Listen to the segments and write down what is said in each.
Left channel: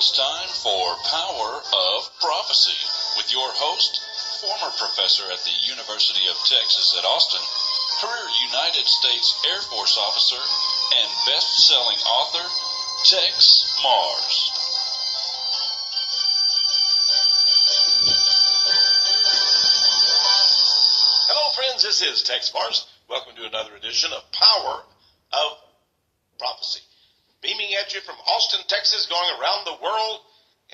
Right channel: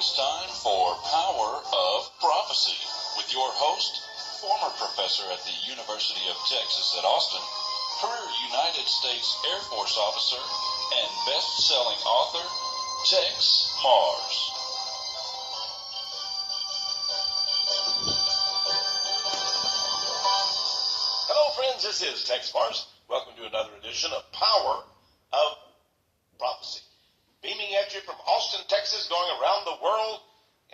It's time for Power of Prophecy with your host, former professor at the University of Texas at Austin, career United States Air Force officer, and best-selling author, Tex Mars. Hello friends, this is Tex Mars. Welcome to another edition of Power of Prophecy. Beaming at you from Austin, Texas, going around the world,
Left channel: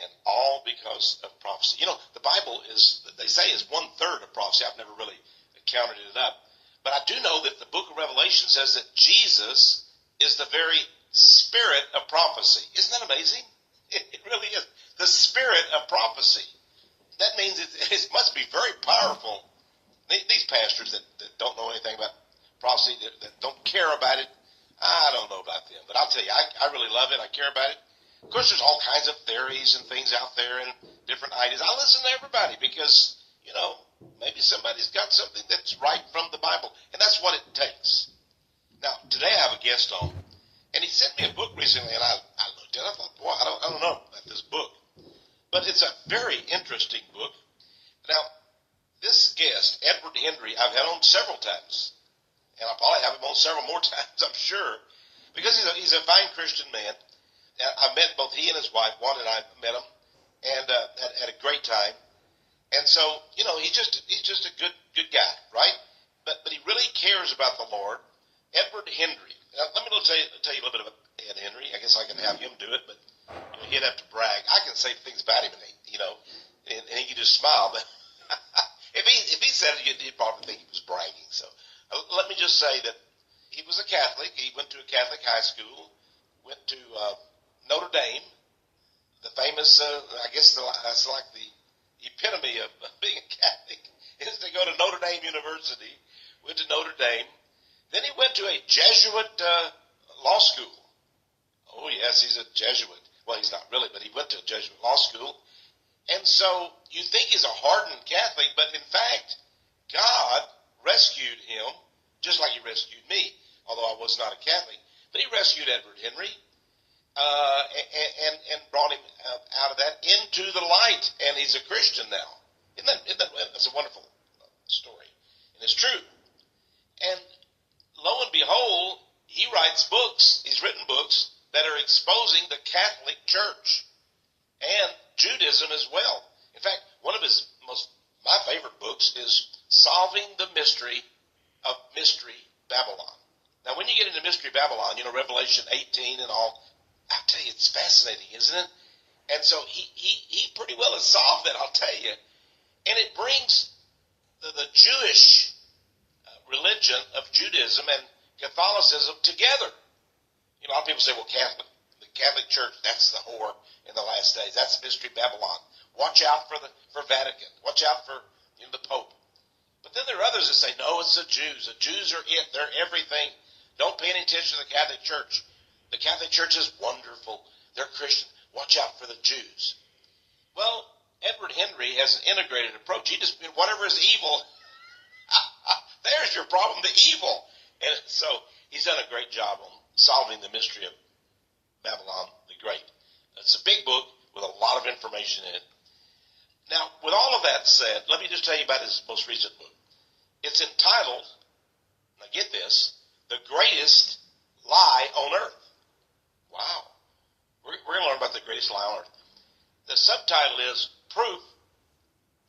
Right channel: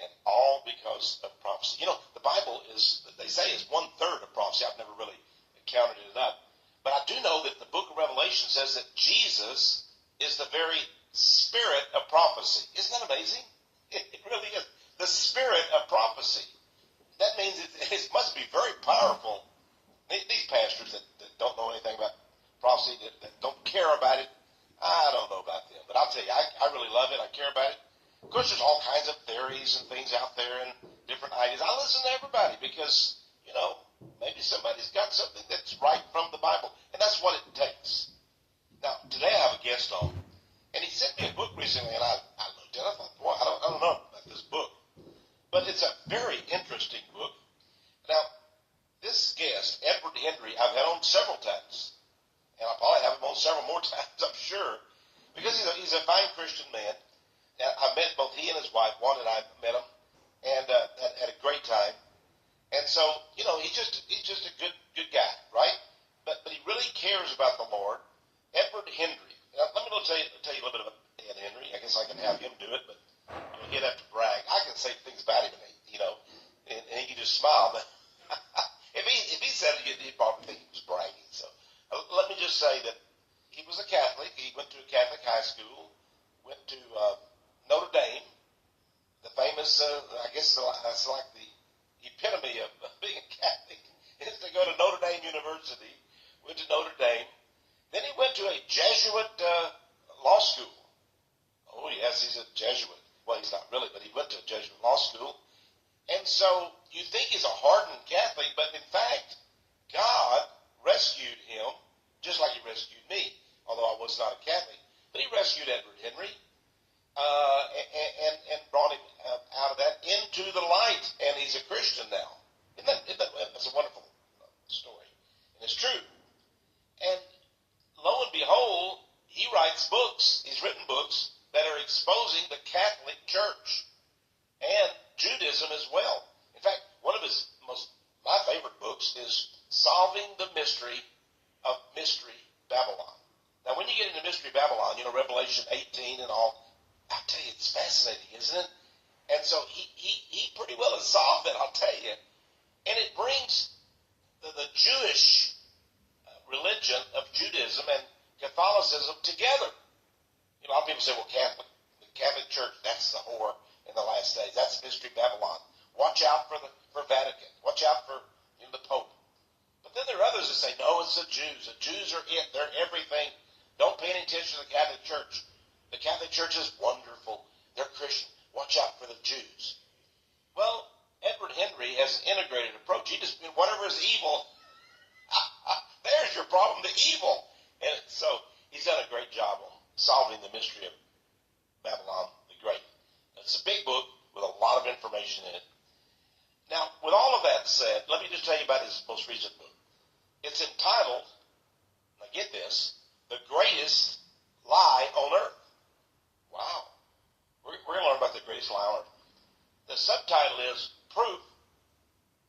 and all because of prophecy. You know, the Bible is, they say, is 1/3 of prophecy. I've never really counted it up. But I do know that the book of Revelation says that Jesus is the very spirit of prophecy. Isn't that amazing? It really is. The spirit of prophecy. That means it must be very powerful. These pastors that don't know anything about prophecy, that don't care about it, I don't know about them. But I'll tell you, I really love it. I care about it. Of course, there's all kinds of theories and things out there and different ideas. I listen to everybody because, you know, maybe somebody's got something that's right from the Bible. And that's what it takes. Now, today I have a guest on. And he sent me a book recently, and I looked at it. I thought, boy, I don't know about this book. But it's a very interesting book. Now, this guest, Edward Henry, I've had on several times. And I'll probably have him on several more times, I'm sure. Because he's a fine Christian man. I met both he and his wife. Juan and I met him. And had a great time. And so, you know, he's just a good guy, right? But he really cares about the Lord. Edward Henry. Now, let me tell you a little bit about Ed Henry. I guess I can have him do it, but you know, he'd have to brag. I can say things about him, and he can just smile. But if he said it, you'd probably think he was bragging. So let me just say that he was a Catholic. He went to a Catholic high school, went to Notre Dame, the famous, I guess that's like the epitome of being a Catholic, is to go to Notre Dame University, went to Notre Dame. Then he went to a Jesuit law school. Oh, yes, he's a Jesuit. Well, he's not really, but he went to a Jesuit law school. And so you think he's a hardened Catholic, but in fact, God rescued him, just like he rescued me, although I was not a Catholic. But he rescued Edward Henry and brought him out of that into the light, and he's a Christian now. That's a wonderful story, and it's true. And lo and behold, he writes books, he's written books that are exposing the Catholic Church and Judaism as well. In fact, one of my favorite books is Solving the Mystery of Mystery Babylon. Now, when you get into Mystery Babylon, you know, Revelation 18 and all, I tell you, it's fascinating, isn't it? And so he pretty well has solved it, I'll tell you. And it brings the Jewish religion of Judaism and Catholicism together. You know, a lot of people say, well, the Catholic Church, that's the whore in the last days. That's Mystery Babylon. Watch out for Vatican. Watch out for the Pope. But then there are others that say, no, it's the Jews. The Jews are it. They're everything. Don't pay any attention to the Catholic Church. The Catholic Church is wonderful. They're Christian. Watch out for the Jews. Well, Edward Henry has an integrated approach. He just, whatever is evil, there's your problem, the evil. And so he's done a great job on solving the mystery of Babylon the Great. It's a big book with a lot of information in it. Now, with all of that said, let me just tell you about his most recent book. It's entitled, now get this, The Greatest Lie on Earth. Wow. We're going to learn about the greatest lie on earth. The subtitle is Proof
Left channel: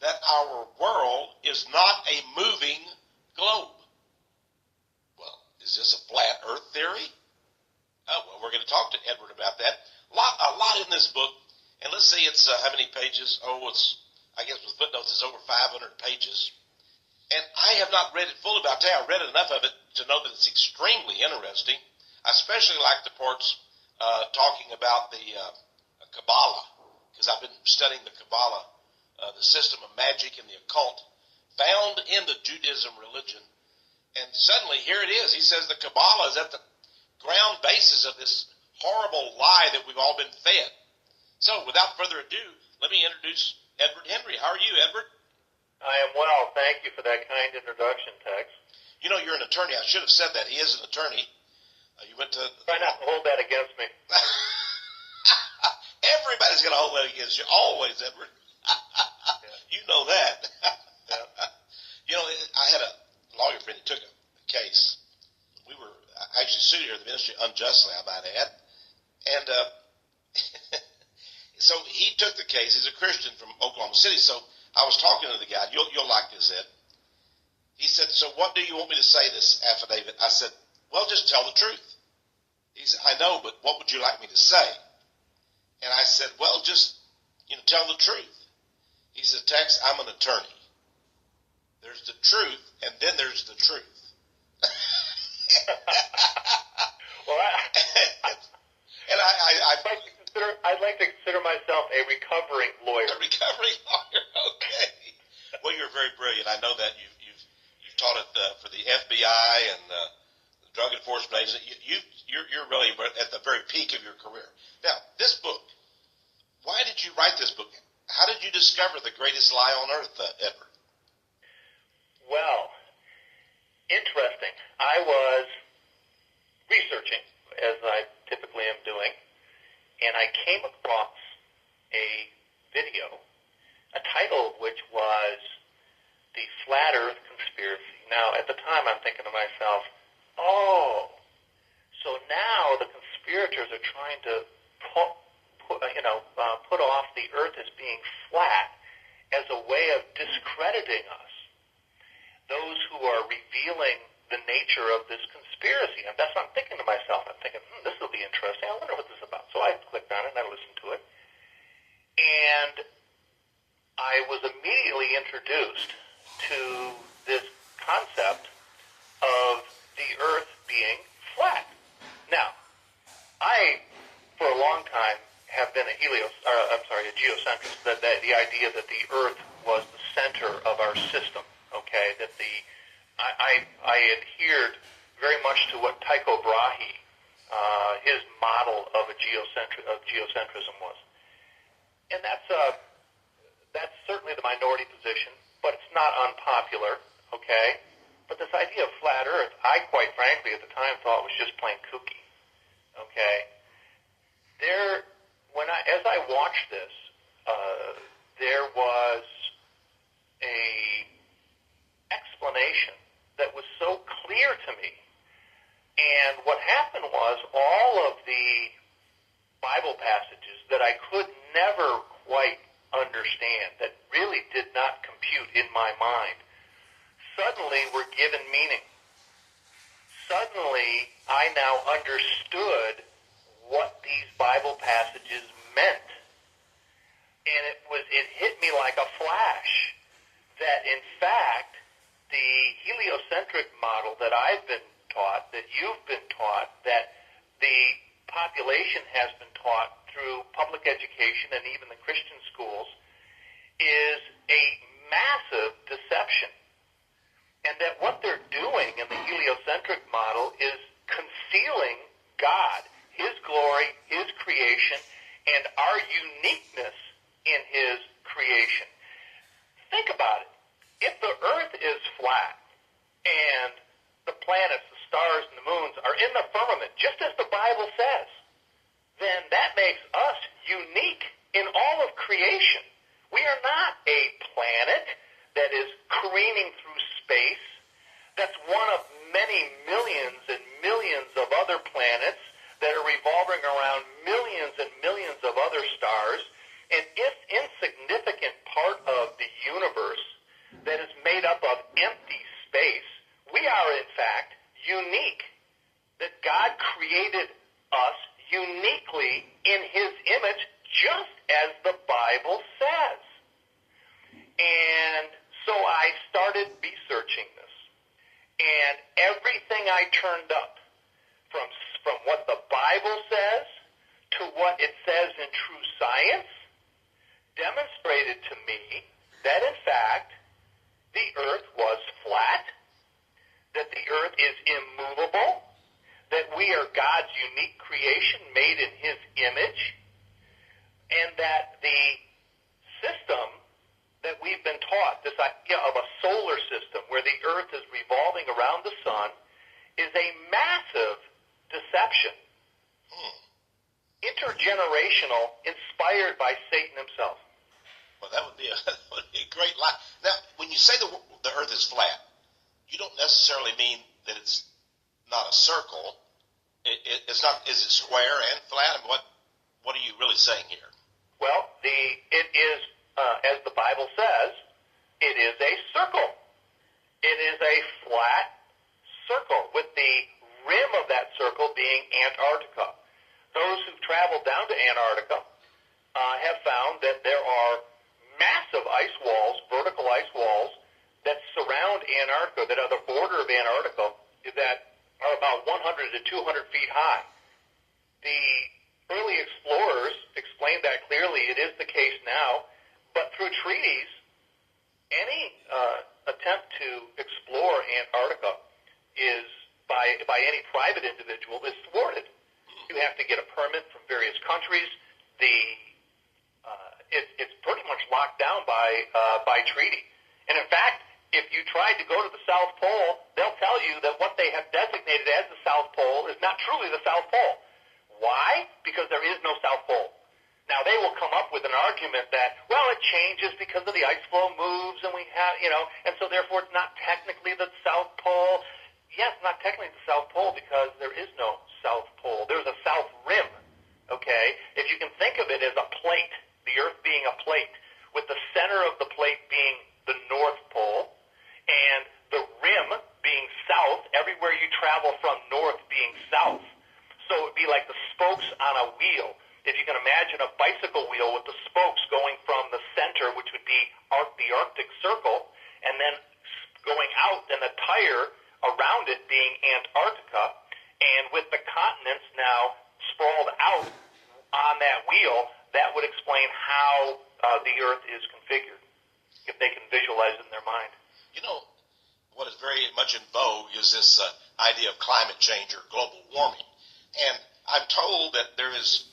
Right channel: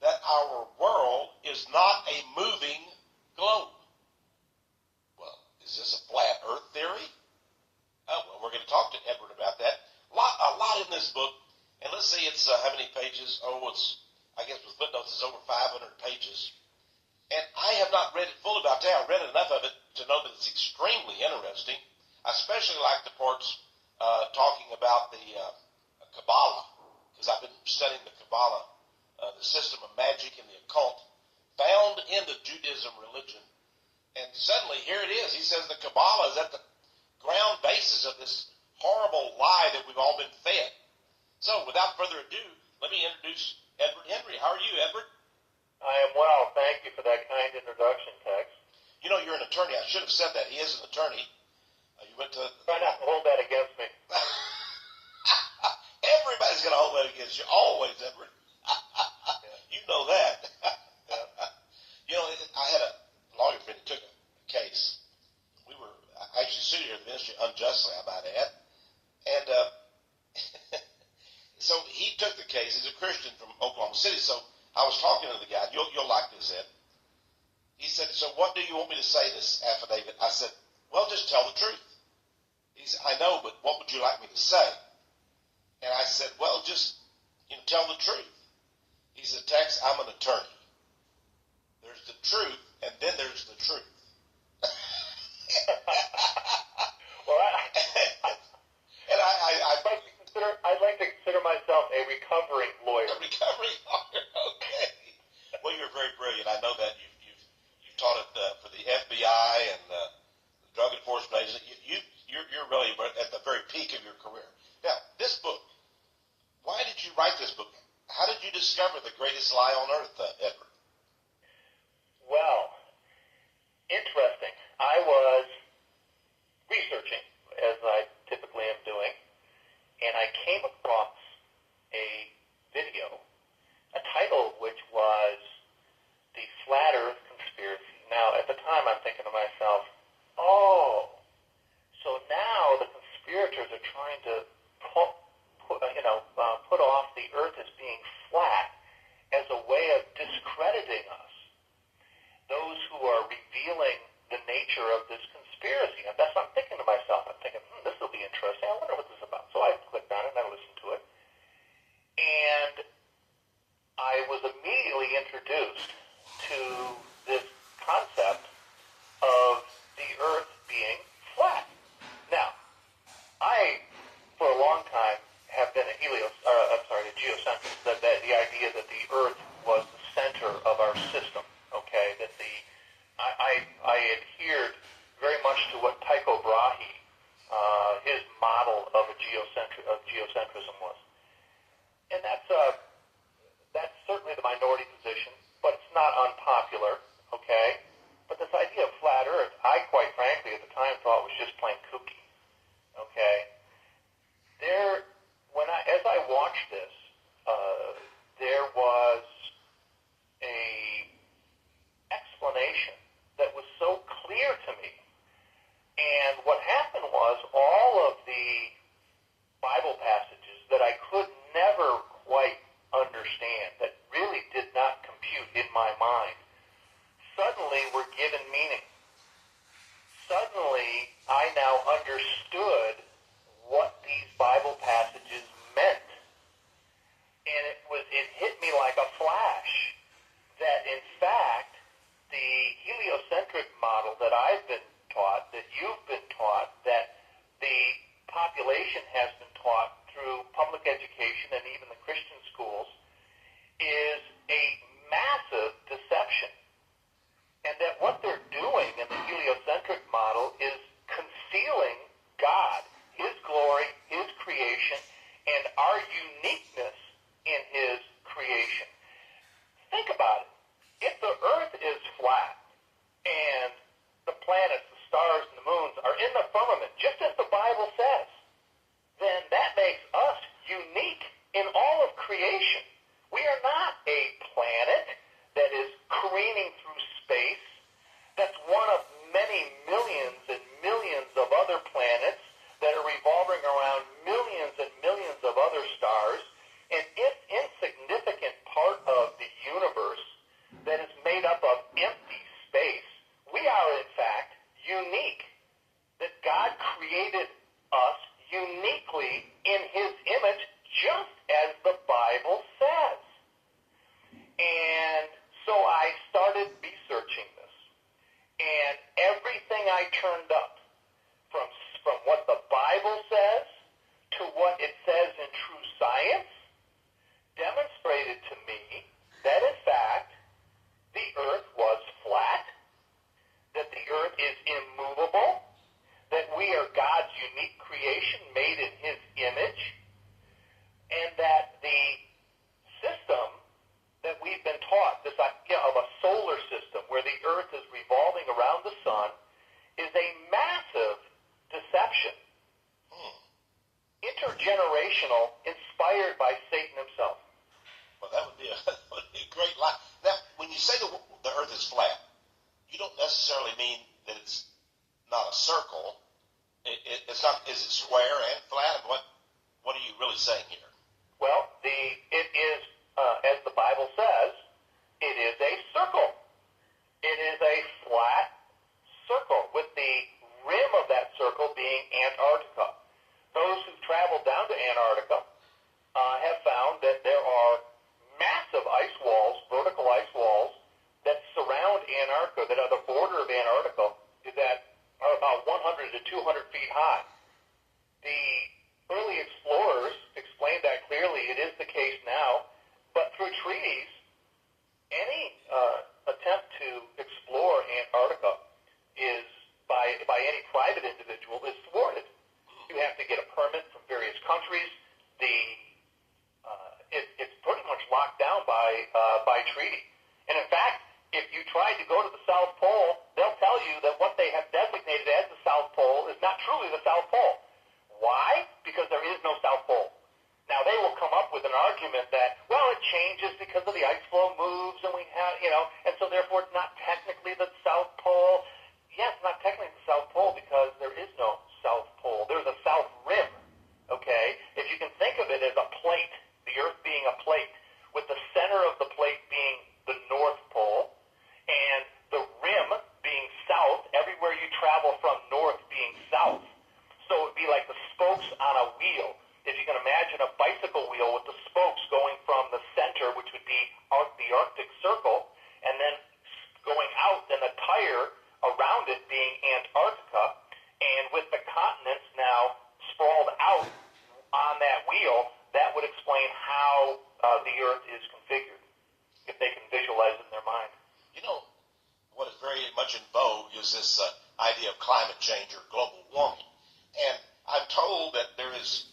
That Our World is Not a Moving Globe. Well, is this a flat earth theory? Oh, well, we're going to talk to Edward about that. A lot in this book. And let's see, it's how many pages? I guess with footnotes, it's over 500 pages. And I have not read it full about that. I read enough of it to know that it's extremely interesting. I especially like the parts talking about the Kabbalah, because I've been studying the Kabbalah, the system of magic and the occult, found in the Judaism religion. And suddenly, here it is. He says the Kabbalah is at the ground basis of this horrible lie that we've all been fed. So, without further ado, let me introduce Edward Henry. How are you, Edward? I am well. Thank you for that kind introduction, Tex. You know, you're an attorney. I should have said that. He is an attorney. You went to... Try not to hold that against me. Everybody's going to is. You're always, Edward. You know that. I had a lawyer friend who took a case. We were actually sued here in the ministry unjustly, I might add. And so he took the case. He's a Christian from Oklahoma City. So I was talking to the guy. You'll like this, Ed. He said, so what do you want me to say this affidavit? I said, well, just tell the truth. He said, I know, but what would you like me to say? And I said, well, just tell the truth. He said, Tex, I'm an attorney. There's the truth, and then there's the truth. Well, and I'd like to consider myself a recovering lawyer. A recovering lawyer, okay. Well, you're very brilliant. I know that you've taught it for the FBI and the drug enforcement agency. You're really at the very peak of your career. Now, this book, why did you write this book? How did you discover the greatest lie on earth, Edward? Well, interesting. I was researching, as I typically am doing, and I came across a video, a title of which was The Flat Earth Conspiracy. Now, at the time, I'm thinking to myself, oh, so now the conspirators are trying to put off the earth as being flat as a way of discrediting us. Those who are revealing the nature of this conspiracy. And that's what I'm thinking to myself. I'm thinking, this will be interesting. I wonder what this is about. So I clicked on it and I listened to it. And I was immediately introduced to this concept of the earth being flat. Now, I, for a long time, have been a geocentrist, that the idea that the earth was the center of our system, okay, that I adhered very much to what Tycho Brahe, his model of geocentrism was. And that's certainly the minority position, but it's not unpopular, okay? But this idea of flat earth, I quite frankly at the time thought was just plain kooky, okay? As I watched this, there was a explanation that was so clear to me. And what happened was all of the Bible passages that I could never quite understand, that really did not compute in my mind, suddenly were given meaning. Suddenly, I now understood what these Bible passages meant. And it hit me like a flash that, in fact, the heliocentric model that I've been taught, that you've been taught, that the population has been taught through public education and even the Christian schools, is a massive deception. And that what they're doing in the heliocentric model is concealing God, His glory, His creation, and our uniqueness in His creation. Think about it. If the earth is flat and the planets, the stars, and the moons are in the firmament, just as the Bible says, then that makes us unique in all of creation. We are not a planet that is careening through space, that's one of many millions and millions of other planets that are revolving around millions and millions of other stars, an insignificant part of the universe that is made up of empty space. We are, in fact, unique. That God created us uniquely in His image, just as the Bible says. And so I started researching this. And everything I turned up, from what the Bible says to what it says in true science, demonstrated to me that, in fact, the earth was flat, that the earth is immovable, that we are God's unique creation made in His image, and that the system that we've been taught, this idea of a solar system where the earth is revolving around the sun, is a massive deception. Intergenerational, inspired by Satan himself. say the earth is flat, you don't necessarily mean that it's not a circle. It's not. Is it square and flat? And what are you really saying here? Well, it is, as the Bible says, it is a circle. It is a flat circle with the rim of that circle being Antarctica. Those who've traveled down to Antarctica have found that there are massive ice walls, vertical ice walls, that surround Antarctica, that are the border of Antarctica, that are about 100 to 200 feet high. The early explorers explained that clearly. It is the case now, but through treaties, any attempt to explore Antarctica is by any private individual is thwarted. You have to get a permit from various countries. It's pretty much locked down by treaty. And in fact, if you tried to go to the South Pole, they'll tell you that what they have designated as the South Pole is not truly the South Pole. Why? Because there is no South Pole. Now, they will come up with an argument that, well, it changes because of the ice flow moves, and we have, and so therefore it's not technically the South Pole. Yes, not technically the South Pole because there is no South Pole. There's a South Rim, okay? If you can think of it as a plate, the Earth being a plate, with the center of the plate being the North Pole, and the rim being south, everywhere you travel from north being south. So it would be like the spokes on a wheel. If you can imagine a bicycle wheel with the spokes going from the center, which would be the Arctic Circle, and then going out, and the tire around it being Antarctica, and with the continents now sprawled out on that wheel, that would explain how the Earth is configured, if they can visualize it in their mind. What is very much in vogue is this idea of climate change or global warming. And I'm told that there is,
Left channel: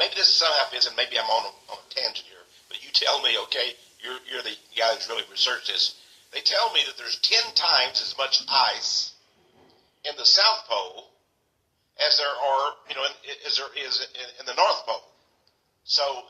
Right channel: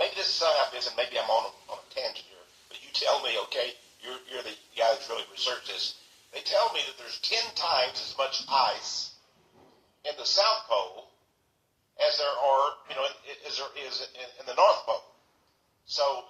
maybe this is, and maybe I'm on a tangent here, but you tell me, okay, you're the guy who's really researched this. They tell me that there's 10 times as much ice in the South Pole as there are, as there is in the North Pole. So,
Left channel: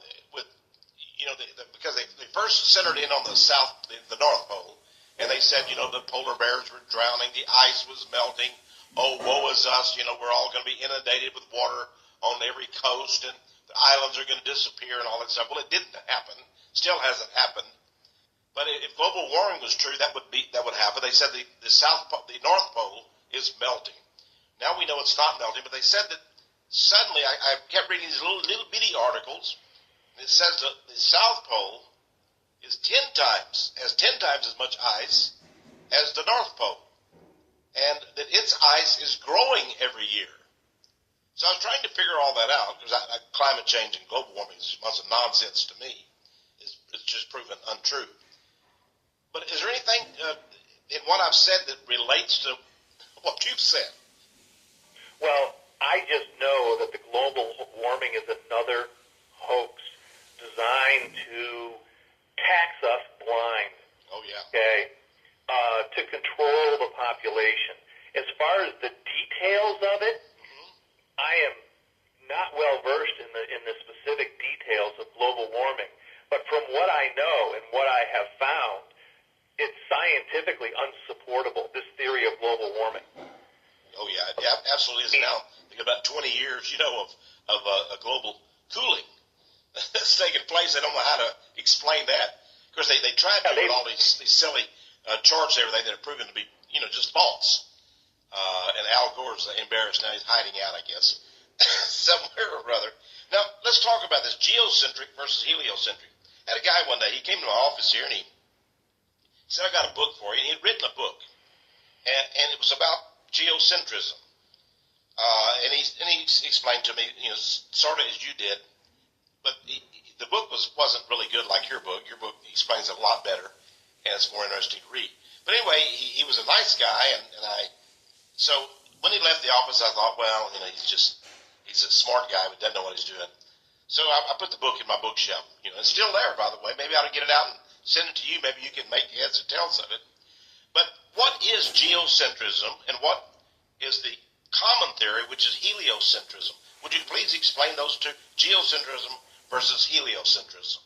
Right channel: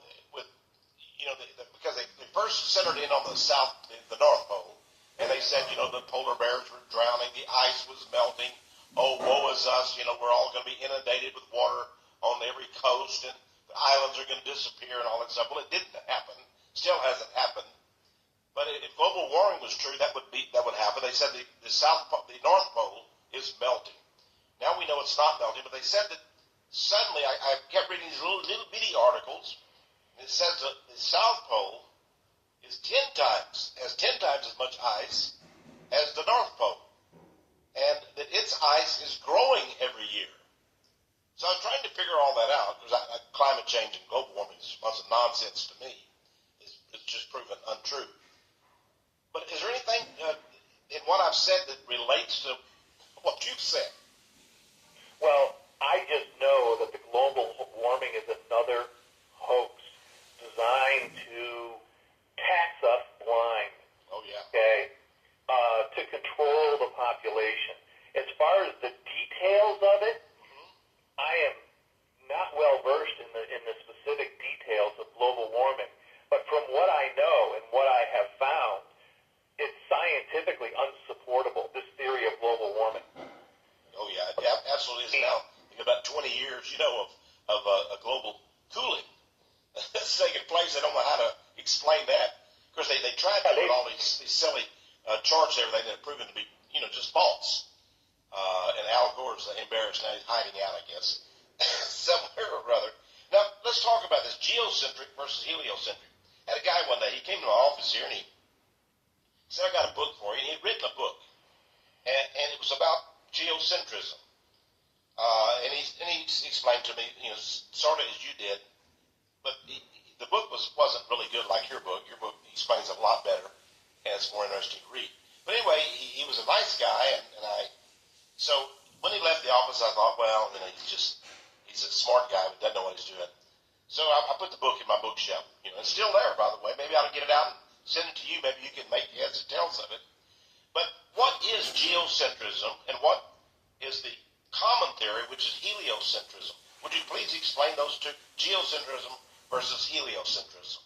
because they first centered in on the North Pole, and they said, the polar bears were drowning, the ice was melting, oh, woe is us, we're all going to be inundated with water on every coast, and the islands are going to disappear and all that stuff. Well, it didn't happen, still hasn't happened. But if global warming was true, that would happen. They said the North Pole is melting. Now we know it's not melting, but they said that suddenly, I kept reading these little bitty articles, and it says that the South Pole is 10 times as much ice as the North Pole, and that its ice is growing every year. So I was trying to figure all that out, because climate change and global warming is a bunch of nonsense to me. It's just proven untrue. But is there anything in what I've said that relates to what you've said? Well, I just know that the global warming is another hoax designed to tax us blind. Oh, yeah. Okay? To control the population. As far as the details of it, I am not well versed in the specific details of global warming. But from what I know and what I have found, it's scientifically unsupportable, this theory of global warming. Oh, yeah, it absolutely is. Now, in about 20 years, of a global cooling that's taking place. They don't know how to explain that. Of course, they tried to do all these silly charts and everything that are proven to be, just false. And Al Gore's embarrassed now. He's hiding out, I guess, somewhere or other. Now, let's talk about this geocentric versus heliocentric. I had a guy one day, he came to my office here, and he said, I got a book for you. And he had written a book, and it was about geocentrism. And he explained to me, sort of as you did, but the book wasn't really good like your book. Your book explains it a lot better, and it's more interesting to read. But anyway, he was a nice guy, so when he left the office, I thought, well, he's a smart guy, but doesn't know what he's doing. So I put the book in my bookshelf. It's still there, by the way. Maybe I ought to get it out and send it to you. Maybe you can make heads or tails of it. But what is geocentrism, and what is the common theory, which is heliocentrism? Would you please explain those two, geocentrism versus heliocentrism?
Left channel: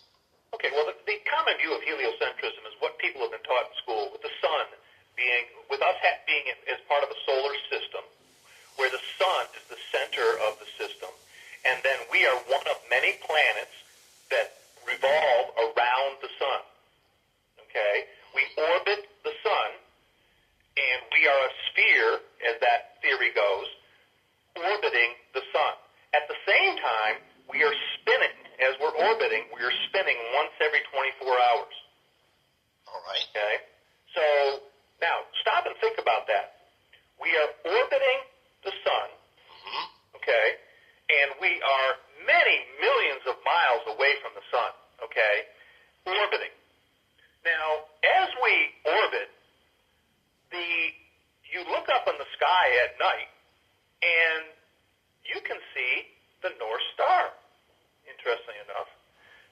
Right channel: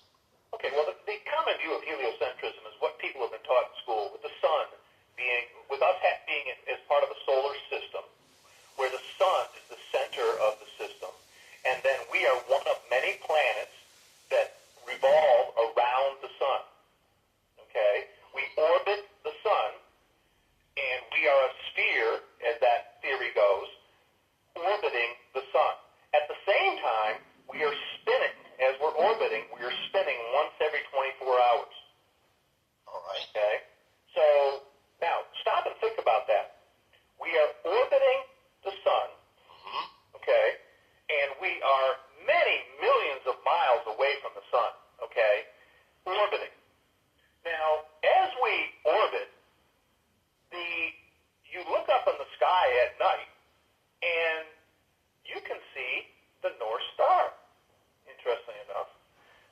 Okay, well, the common view of heliocentrism is what people have been taught in school, with the sun being, with us being as part of a solar system, where the sun is the center of the system, and then we are one of many planets that revolve around the sun. Okay? We orbit the sun, and we are a sphere, as that theory goes, orbiting the sun. At the same time, we are spinning. As we're orbiting, we are spinning once every 24 hours. All right. Okay? So, now, stop and think about that. We are orbiting the sun, okay, and we are many millions of miles away from the sun, okay, orbiting. Now, as we orbit, you look up in the sky at night, and you can see the North Star, interestingly enough.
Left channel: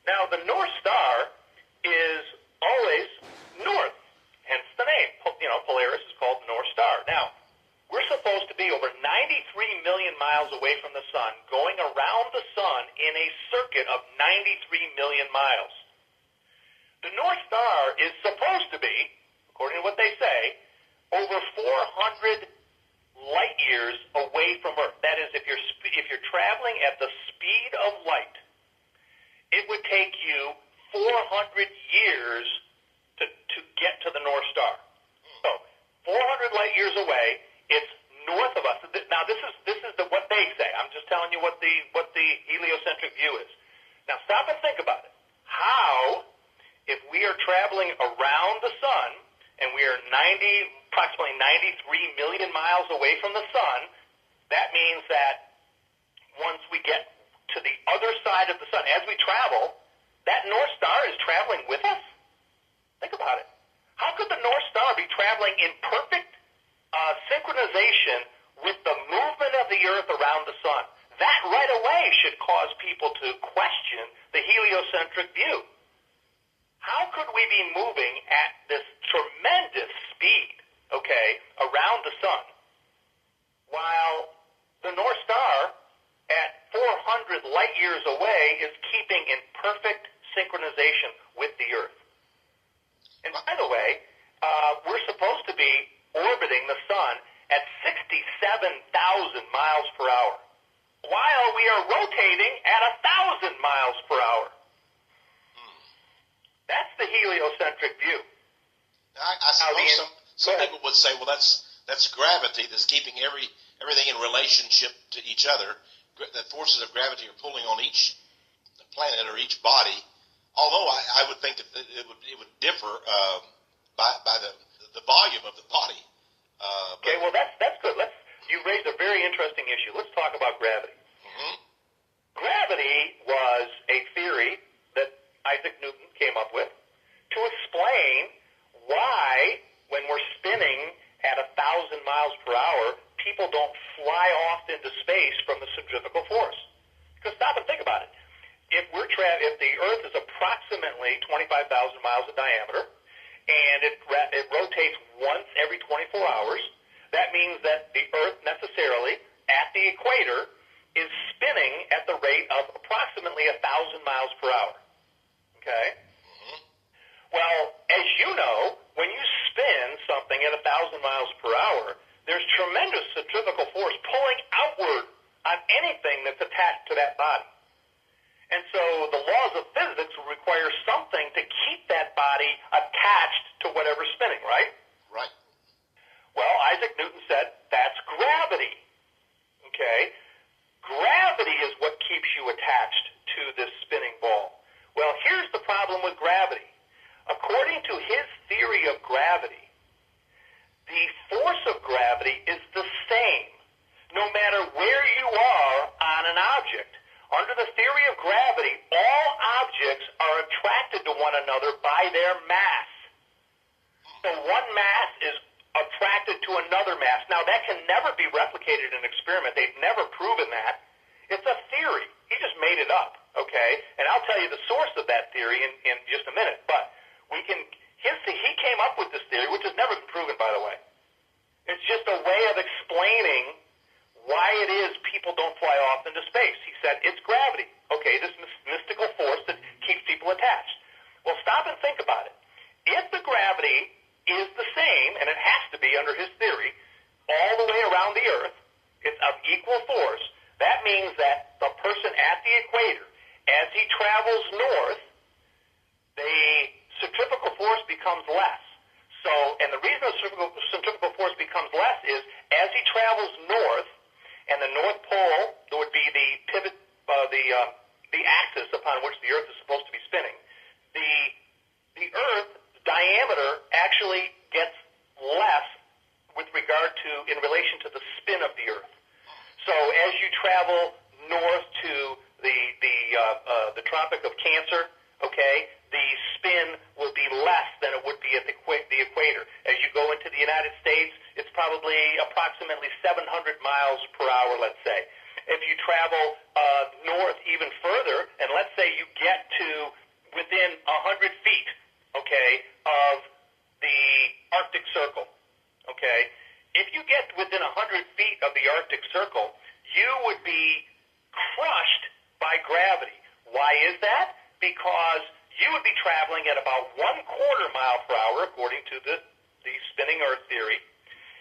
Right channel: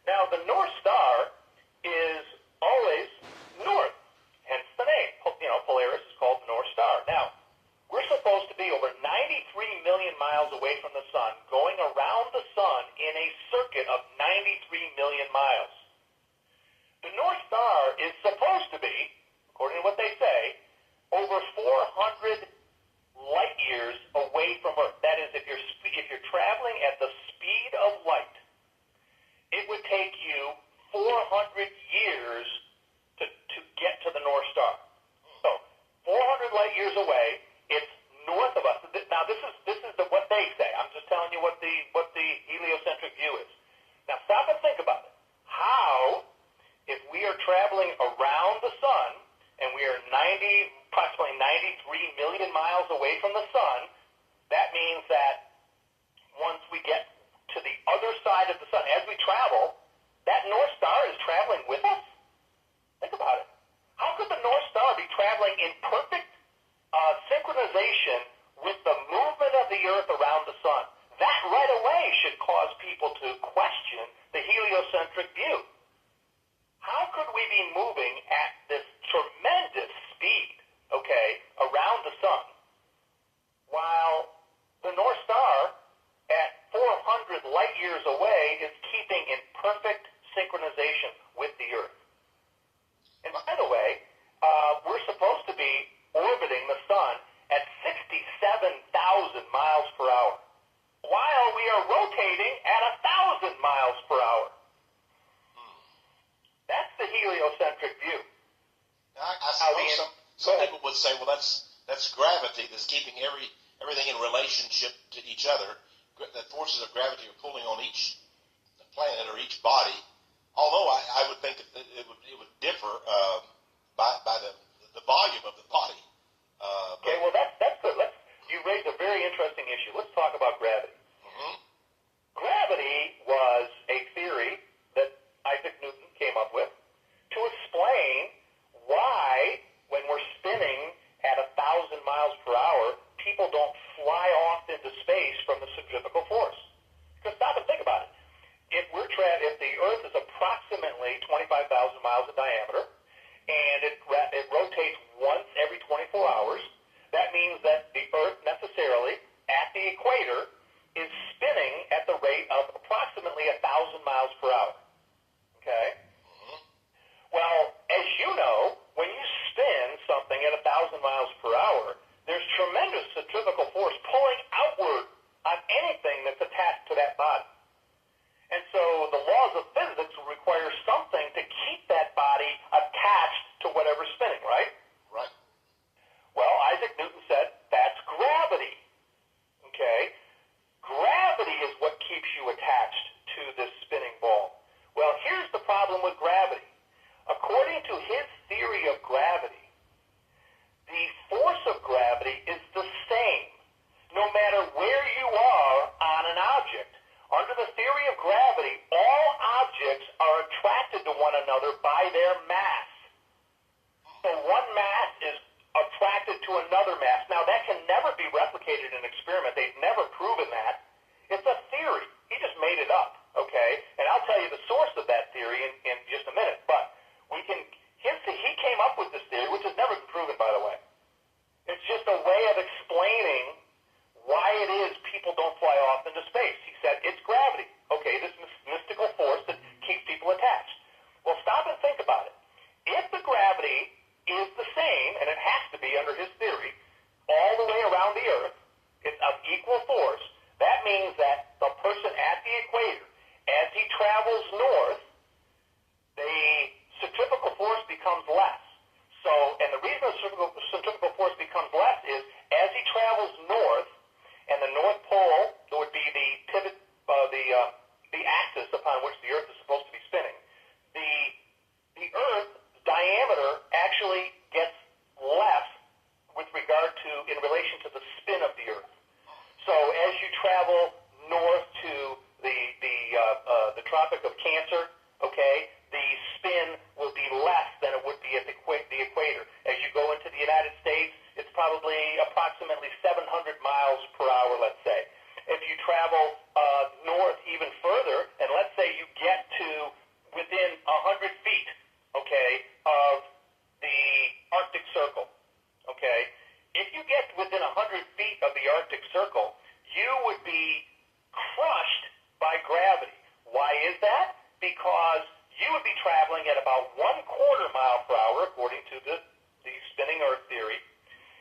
Now, the North Star is always north, hence the name. Polaris is called the North Star. Now, we're supposed to be over 93 million miles away from the sun, going around the sun in a circuit of 93 million miles. The North Star is supposed to be, according to what they say, over 400 light years away from Earth. That is, if you're traveling at the speed of light, it would take you 400 years to get to the North Star. So, 400 light years away, it's north of us. Now, this is what they say. I'm just telling you what the heliocentric view is. Now, stop and think about it. How, if we are traveling around the sun, and we are approximately 93 million miles away from the sun, that means that once we get to the other side of the sun, as we travel, that North Star is traveling with us? Think about it. How could the North Star be traveling in perfect synchronization with the movement of the Earth around the sun? That right away should cause people to question the heliocentric view. How could we be moving at this tremendous speed, okay, around the sun, while the North Star at 400 light years away is keeping in perfect synchronization with the Earth? And by the way, we're supposed to be orbiting the sun at 67,000 miles per hour, while we are rotating at 1,000 miles per hour. That's the heliocentric view. I suppose some people would say, well, that's gravity that's keeping everything in relationship to each other. The forces of gravity are pulling on each planet or each body. Although I would think that it would differ by the volume of the body. Okay, well that's good. You raised a very interesting issue. Let's talk about gravity. Mm-hmm. Gravity was a theory that Isaac Newton came up with to explain why, when we're spinning at 1,000 miles per hour, people don't fly off into space from the centrifugal force. Because stop and think about it. If the Earth is approximately 25,000 miles in diameter, and it rotates once every 24 hours, that means that the Earth necessarily, at the equator, is spinning at the rate of approximately 1,000 miles per hour. Okay? Mm-hmm. Well, as you know, when you spin something at 1,000 miles per hour, there's tremendous centrifugal force pulling outward on anything that's attached to that body. And so the laws of physics require something to keep that body attached to whatever's spinning, right? Right. Well, Isaac Newton said, that's gravity. Okay? Gravity is what keeps you attached to this spinning ball. Well, here's the problem with gravity. According to his theory of gravity, the force of gravity is the same no matter where you are on an object. Under the theory of gravity, all objects are attracted to one another by their mass. So one mass is attracted to another mass. Now, that can never be replicated in an experiment. They've never proven that. It's a theory. He just made it up, okay? And I'll tell you the source of that theory in just a minute. But he came up with this theory, which has never been proven, by the way. It's just a way of explaining why it is people don't fly off into space. He said, it's gravity. Okay, this mystical force that keeps people attached. equal force, that means that the person at the equator, as he travels north, the centrifugal force becomes less. So, and the reason the centrifugal force becomes less is as he travels north, and the North Pole would be the pivot, the axis upon which the Earth is supposed to be spinning. The Earth's diameter actually gets less with regard to, in relation to the spin of the Earth. So as you travel north to the Tropic of Cancer, okay, the spin will be less than it would be at the equator. As you go into the United States, it's probably approximately 700 miles per hour, let's say. If you travel north even further, and let's say you get to within 100 feet, okay, of the Arctic Circle, okay, if you get within 100 feet of the Arctic Circle, you would be crushed by gravity. Why is that? Because you would be traveling at about 1/4 mile per hour, according to the spinning Earth theory.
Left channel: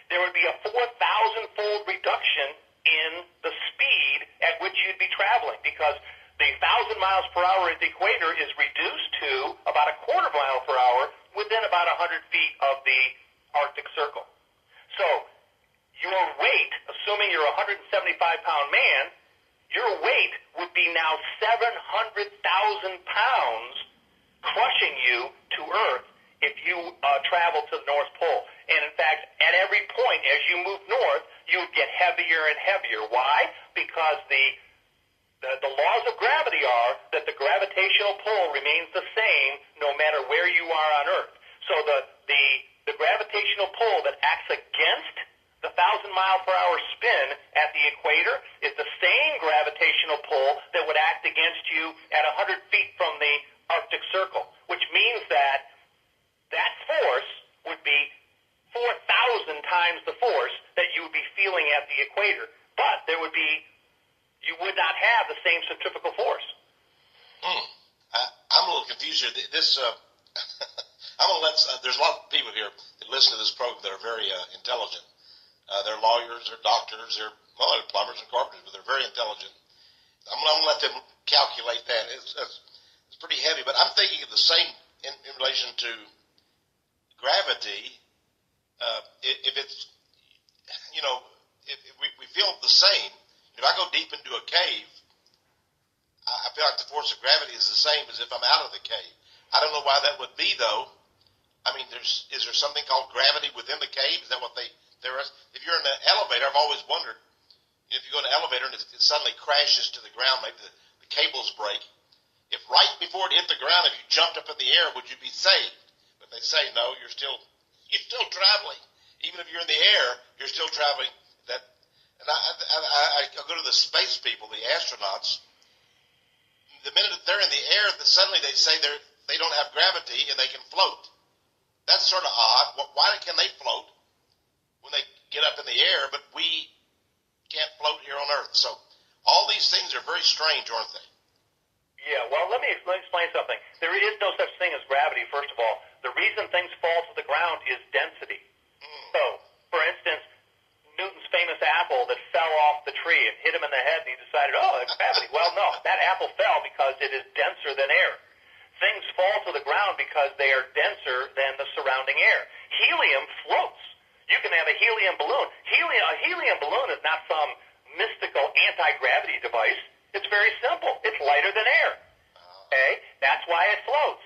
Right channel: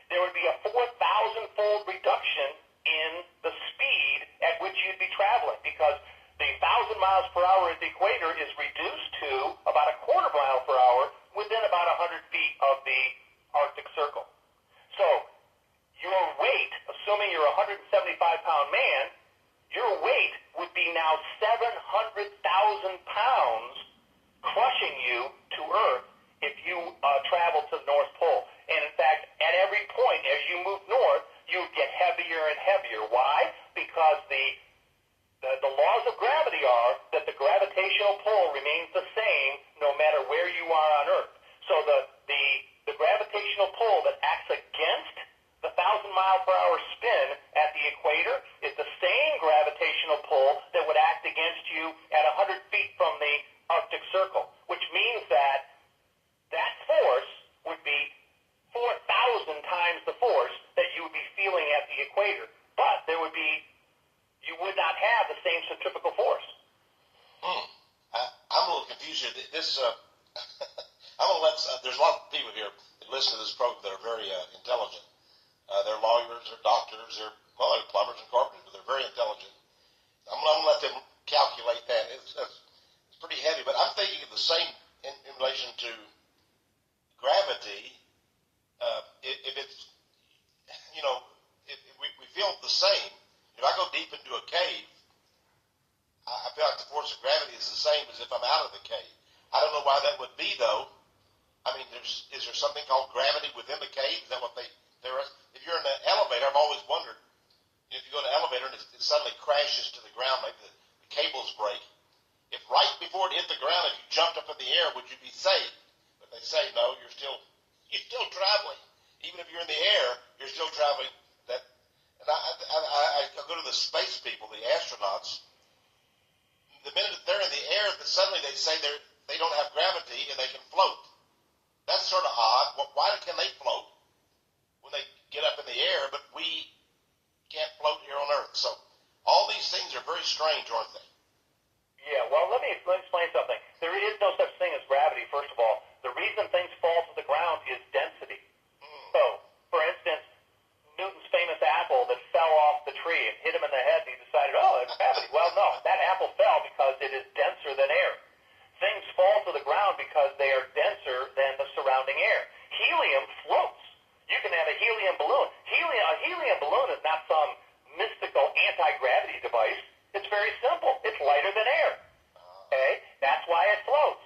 There would be a 4,000-fold reduction in the speed at which you'd be traveling, because the 1,000 miles per hour at the equator is reduced to about 1/4 mile per hour within about 100 feet of the Arctic Circle. So your weight, assuming you're a 175-pound man, your weight would be now 700,000 pounds crushing you to Earth if you travel to the North Pole. And in fact, at every point as you move north, you would get heavier and heavier. Why? Because the laws of gravity are that the gravitational pull remains the same no matter where you are on Earth. So the gravitational pull that acts against the 1,000-mile-per-hour spin at the equator is the same gravitational pull that would act against you at 100 feet from the Arctic Circle, which means that force would be 4,000 times the force that you would be feeling at the equator. But you would not have the same centrifugal force. I'm a little confused here. I'm going to let, there's a lot of people here that listen to this program that are very intelligent. They're lawyers, they're doctors, they're plumbers and carpenters, but they're very intelligent. I'm going to let them calculate that. It's pretty heavy, but I'm thinking of the same in relation to gravity. If it's, if we feel the same, if I go deep into a cave, I feel like the force of gravity is the same as if I'm out of the cave. I don't know why that would be, though. I mean, is there something called gravity within the cave? Is that what there is? If you're in an elevator, I've always wondered, if you go in an elevator and it suddenly crashes to the ground, maybe the cables break, if right before it hit the ground, if you jumped up in the air, would you be saved? But they say, no, you're still traveling. Even if you're in the air, you're still traveling. I go to the space people, the astronauts. The minute that they're in the air, suddenly they say they don't have gravity and they can float. That's sort of odd. Why can they float when they get up in the air, but we can't float here on Earth? So all these things are very strange, aren't they? Yeah, well, let me explain something. There is no such thing as gravity, first of all. The reason things fall to the ground is density. So, for instance, Newton's famous apple that fell off the tree and hit him in the head, and he decided, it's gravity. Well, no, that apple fell because it is denser than air. Things fall to the ground because they are denser than the surrounding air. Helium floats. You can have a helium balloon. A helium balloon is not some mystical anti-gravity device. It's very simple. It's lighter than air. Okay? That's why it floats.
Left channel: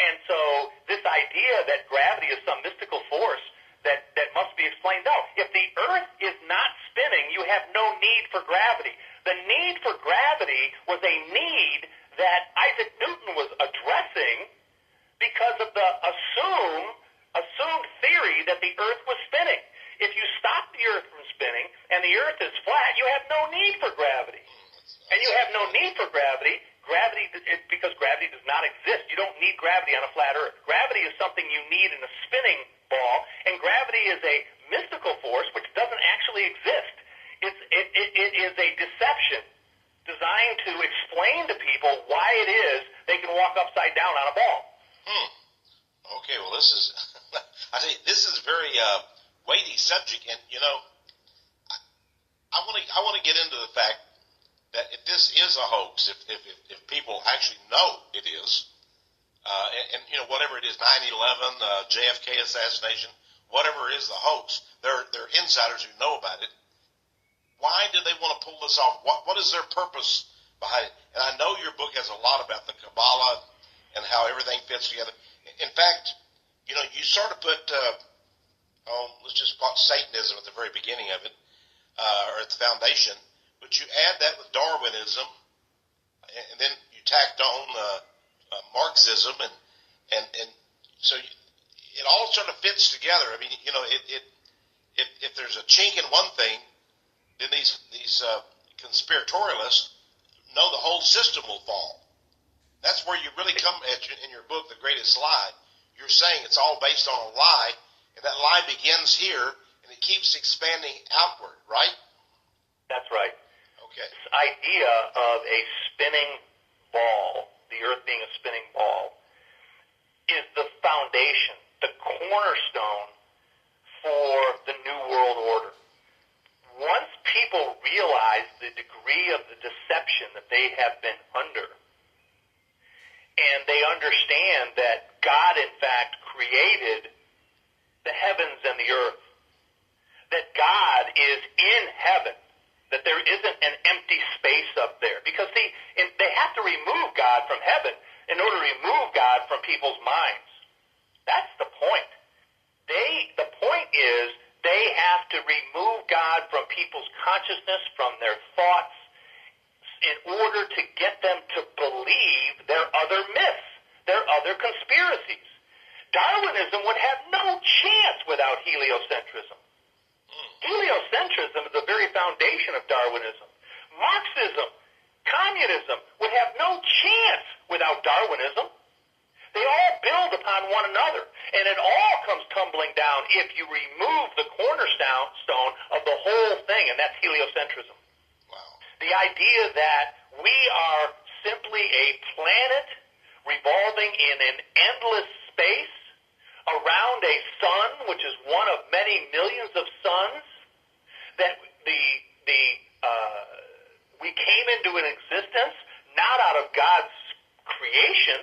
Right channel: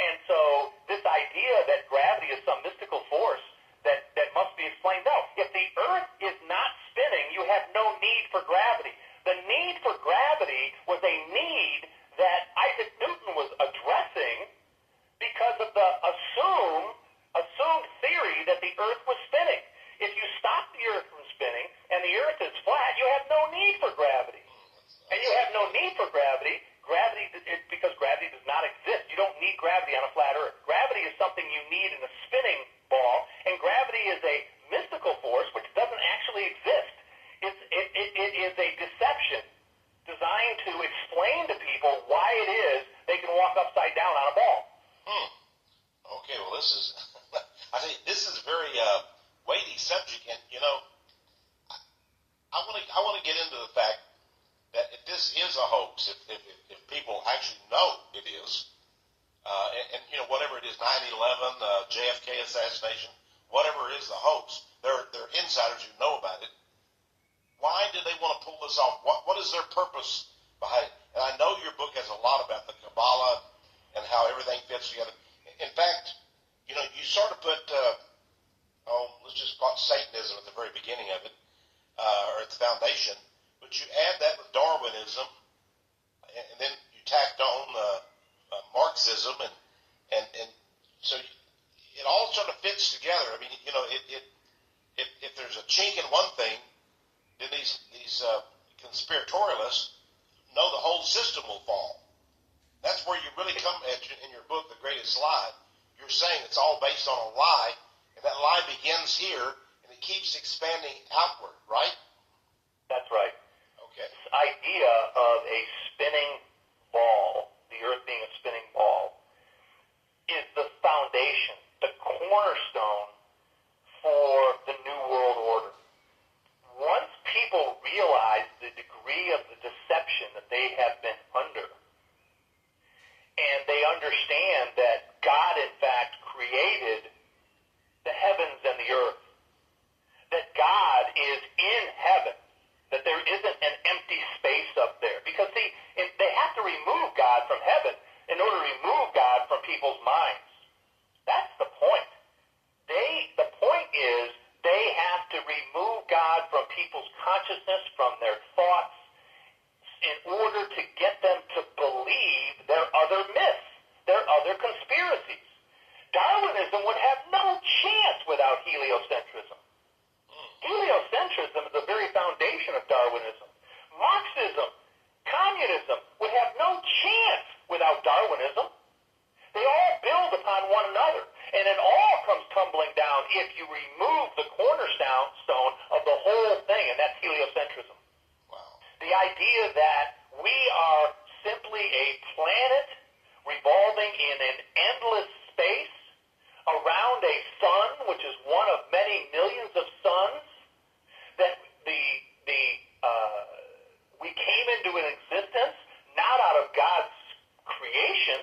And so this idea that gravity is some mystical force that must be explained out. If the Earth is not spinning, you have no need for gravity. The need for gravity was a need that Isaac Newton was addressing because of the assumed theory that the Earth was spinning. If you stop the Earth from spinning and the Earth is flat, you have no need for gravity. And you have no need for gravity because gravity does not exist. You don't need gravity on a flat Earth. Gravity is something you need in a spinning ball, and gravity is a mystical force which doesn't actually exist. It is a deception designed to explain to people why it is they can walk upside down on a ball. Okay, well, I think this is a very weighty subject, and I want to get into the fact that if this is a hoax, if people actually know it is, and whatever it is, 9/11, JFK assassination, whatever is the hoax, they're insiders who know about it. Why do they want to pull this off? What is their purpose behind it? And I know your book has a lot about the Kabbalah and how everything fits together. In fact, you sort of put, let's just call it Satanism at the very beginning of it, or at the foundation, but you add that with Darwinism, and then you tacked on Marxism, and so it all sort of fits together. I mean, if there's a chink in one thing, then these conspiratorialists know the whole system will fall. That's where you really come at in your book, The Greatest Lie. You're saying it's all based on a lie, and that lie begins here, and it keeps expanding outward, right? That's right. Okay. This idea of a spinning ball, the earth being a spinning ball, is the foundation, the cornerstone for the New World Order. Once people realize the degree of the deception that they have been under, and they understand that God, in fact, created the heavens and the earth, that God is in heaven, that there isn't an empty space up there. Because, see, they have to remove God from heaven in order to remove God from people's minds. That's the point. The point is they have to remove God from people's consciousness, from their thoughts, in order to get them to believe their other myths, their other conspiracies. Darwinism would have no chance without heliocentrism. Heliocentrism is the very foundation of Darwinism. Marxism, communism would have no chance without Darwinism. They all build upon one another, and it all comes tumbling down if you remove the cornerstone of the whole thing, and that's heliocentrism. Wow. The idea that we are simply a planet revolving in an endless space around a sun, which is one of many millions of suns, that we came into an existence not out of God's creation,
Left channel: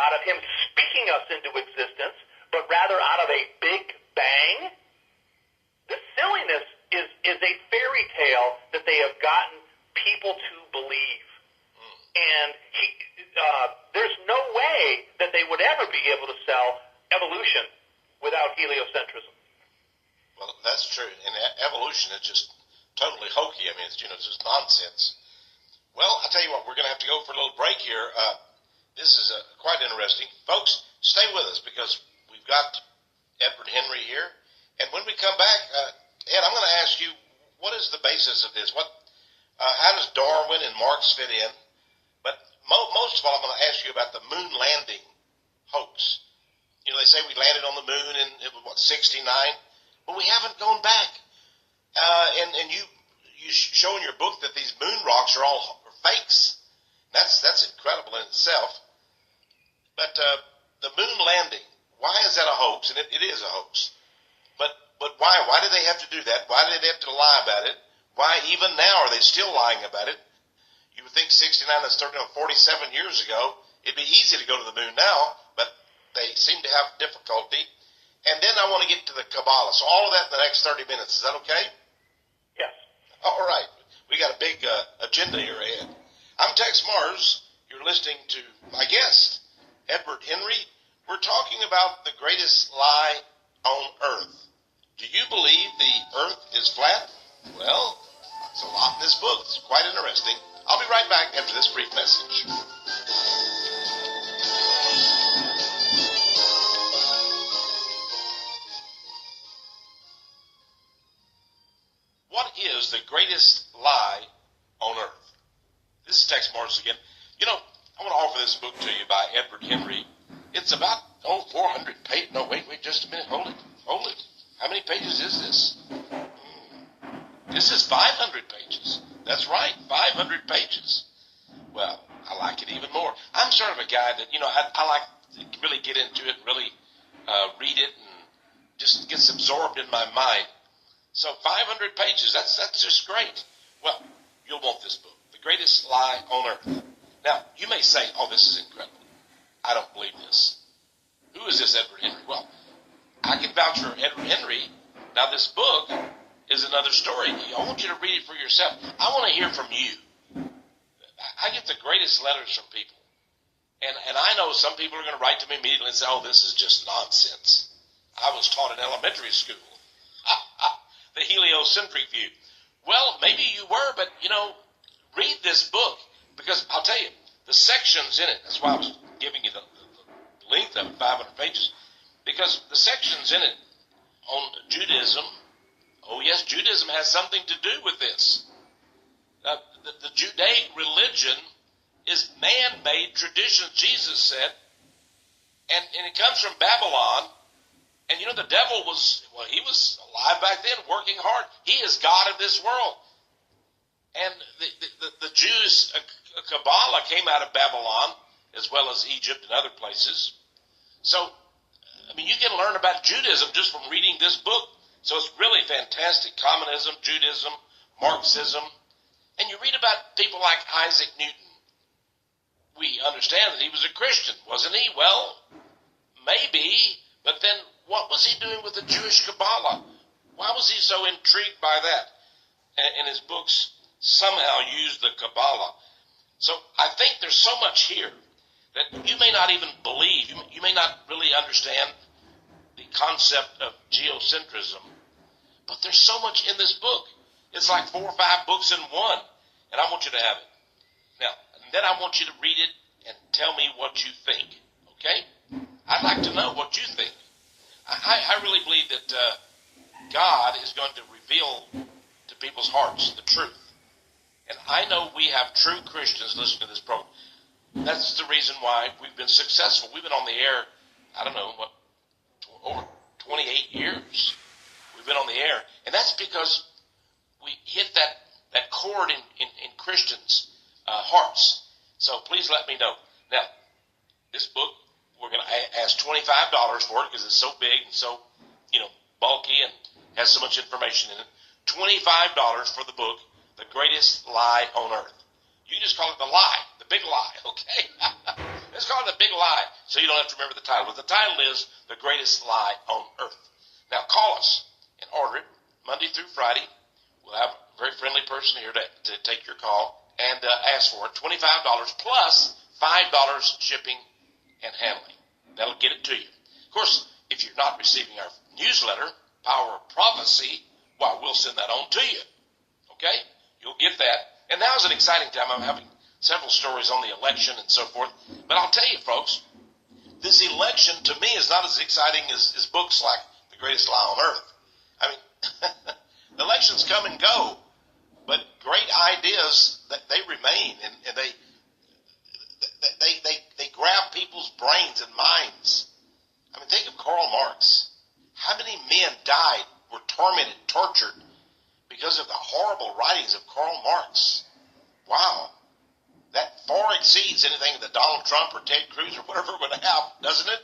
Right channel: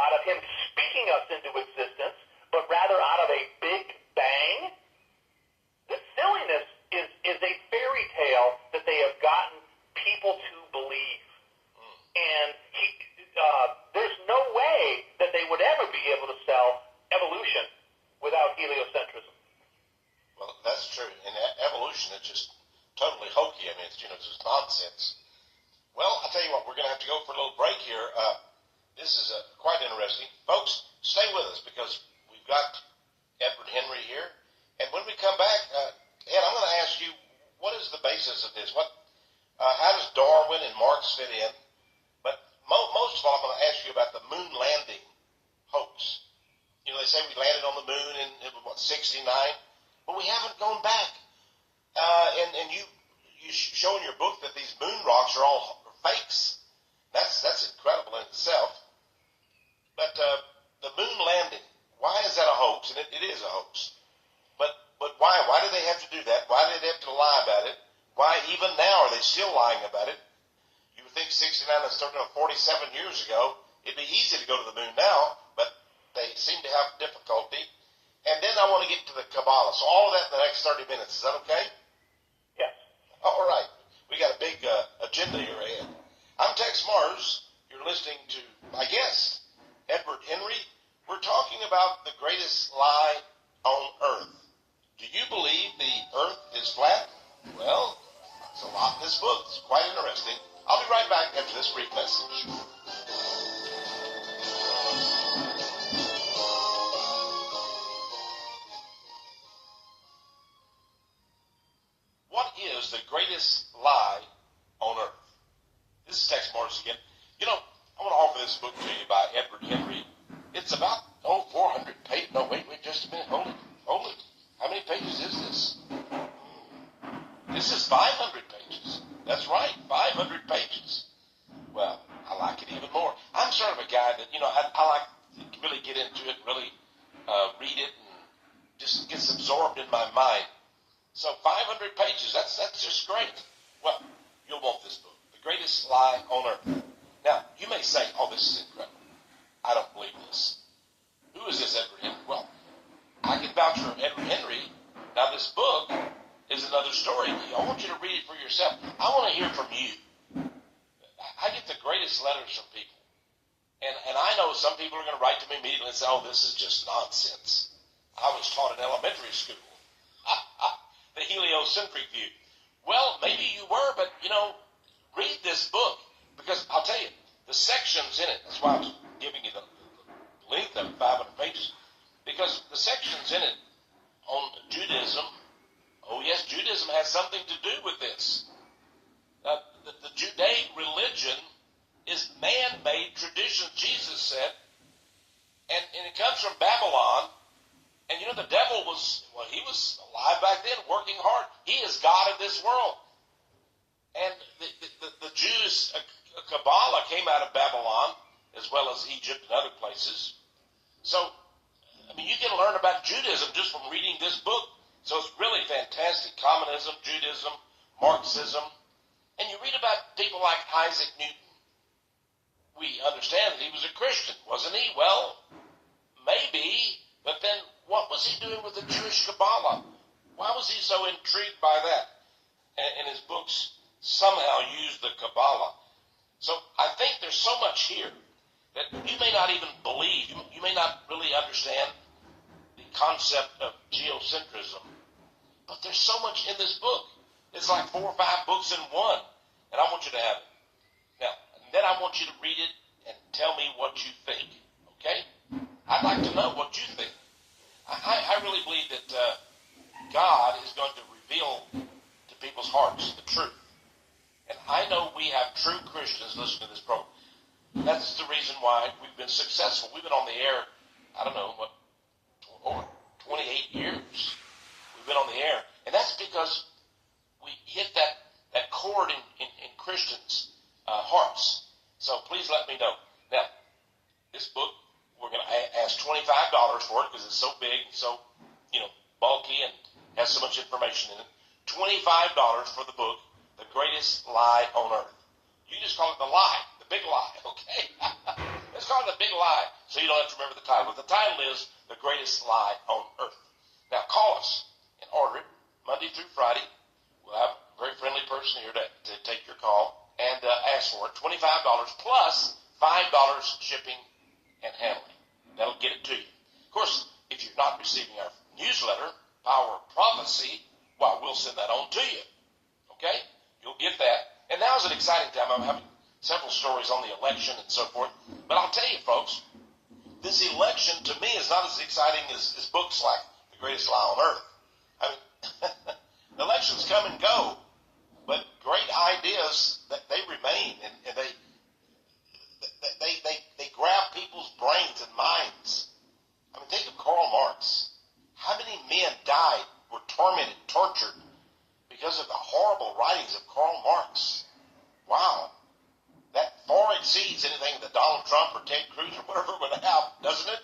out of Him speaking us into existence, but rather out of a big bang. This silliness is a fairy tale that they have gotten people to believe. And there's no way that they would ever be able to sell evolution without heliocentrism. Well, that's true. And evolution is just totally hokey. I mean, it's just nonsense. Well, I'll tell you what, we're going to have to go for a little break here. This is quite interesting. Folks, stay with us because we've got Edward Henry here. And when we come back, Ed, I'm going to ask you, what is the basis of this? How does Darwin and Marx fit in? But most of all, I'm going to ask you about the moon landing hoax. They say we landed on the moon in 69? Well, we haven't gone back. And you show in your book that these moon rocks are all fakes. That's incredible in itself. But the moon landing, why is that a hoax? And it is a hoax. But why? Why do they have to do that? Why do they have to lie about it? Why even now are they still lying about it? You would think 69 is 47 years ago. It'd be easy to go to the moon now, but they seem to have difficulty. And then I want to get to the Kabbalah. So all of that in the next 30 minutes. Is that okay? Yes. All right. We got a big agenda here ahead. I'm Tex Mars. You're listening to my guest, Edward Henry. We're talking about the greatest lie on earth. Do you believe the earth is flat? Well, there's a lot in this book. It's quite interesting. I'll be right back after this brief message. What is the greatest lie on earth? This is Tex Mars again. I want to offer this book to you by Edward Henry. It's about, 400 pages. No, wait just a minute. Hold it. How many pages is this? This is 500 pages. That's right, 500 pages. Well, I like it even more. I'm sort of a guy that, I like to really get into it, really read it, and just gets absorbed in my mind. So 500 pages, that's just great. Well, you'll want this book, The Greatest Lie on Earth. Now, you may say, oh, this is incredible. I don't believe this. Who is this Edward Henry? Well, I can vouch for Edward Henry. Now, this book is another story. I want you to read it for yourself. I want to hear from you. I get the greatest letters from people. And I know some people are going to write to me immediately and say, oh, this is just nonsense. I was taught in elementary school. The heliocentric view. Well, maybe you were, but, read this book. Because I'll tell you, the sections in it, that's why I was giving you the length of 500 pages, because the sections in it on Judaism, oh yes, Judaism has something to do with this. The Judaic religion is man-made tradition, Jesus said, and it comes from Babylon. And the devil he was alive back then, working hard. He is God of this world. And the Jews, Kabbalah came out of Babylon, as well as Egypt and other places. So, you can learn about Judaism just from reading this book. So it's really fantastic. Communism, Judaism, Marxism. And you read about people like Isaac Newton. We understand that he was a Christian, wasn't he? Well, maybe, but then what was he doing with the Jewish Kabbalah? Why was he so intrigued by that? And his books somehow use the Kabbalah. So I think there's so much here that you may not even believe. You may not really understand the concept of geocentrism. But there's so much in this book. It's like 4 or 5 books in one. And I want you to have it. Now, and then I want you to read it and tell me what you think. Okay? I'd like to know what you think. I really believe that God is going to reveal to people's hearts the truth. And I know we have true Christians listening to this program. That's the reason why we've been successful. We've been on the air, over 28 years. We've been on the air. And that's because we hit that chord in Christians' hearts. So please let me know. Now, this book, we're going to ask $25 for it because it's so big and so, bulky and has so much information in it. $25 for the book, The Greatest Lie on Earth. You just call it the lie, the big lie, okay? Let's call it the big lie so you don't have to remember the title. But the title is The Greatest Lie on Earth. Now, call us and order it Monday through Friday. We'll have a very friendly person here to take your call and ask for it. $25 plus $5 shipping and handling. That'll get it to you. Of course, if you're not receiving our newsletter, Power of Prophecy, well, we'll send that on to you. Okay? You'll get that. And now's an exciting time. I'm having several stories on the election and so forth. But I'll tell you, folks, this election to me is not as exciting as books like The Greatest Lie on Earth. Elections come and go, but great ideas, they remain, and they grab people's brains and minds. Think of Karl Marx. How many men died, were tormented, tortured because of the horrible writings of Karl Marx? Wow. That far exceeds anything that Donald Trump or Ted Cruz or whatever would have, doesn't it?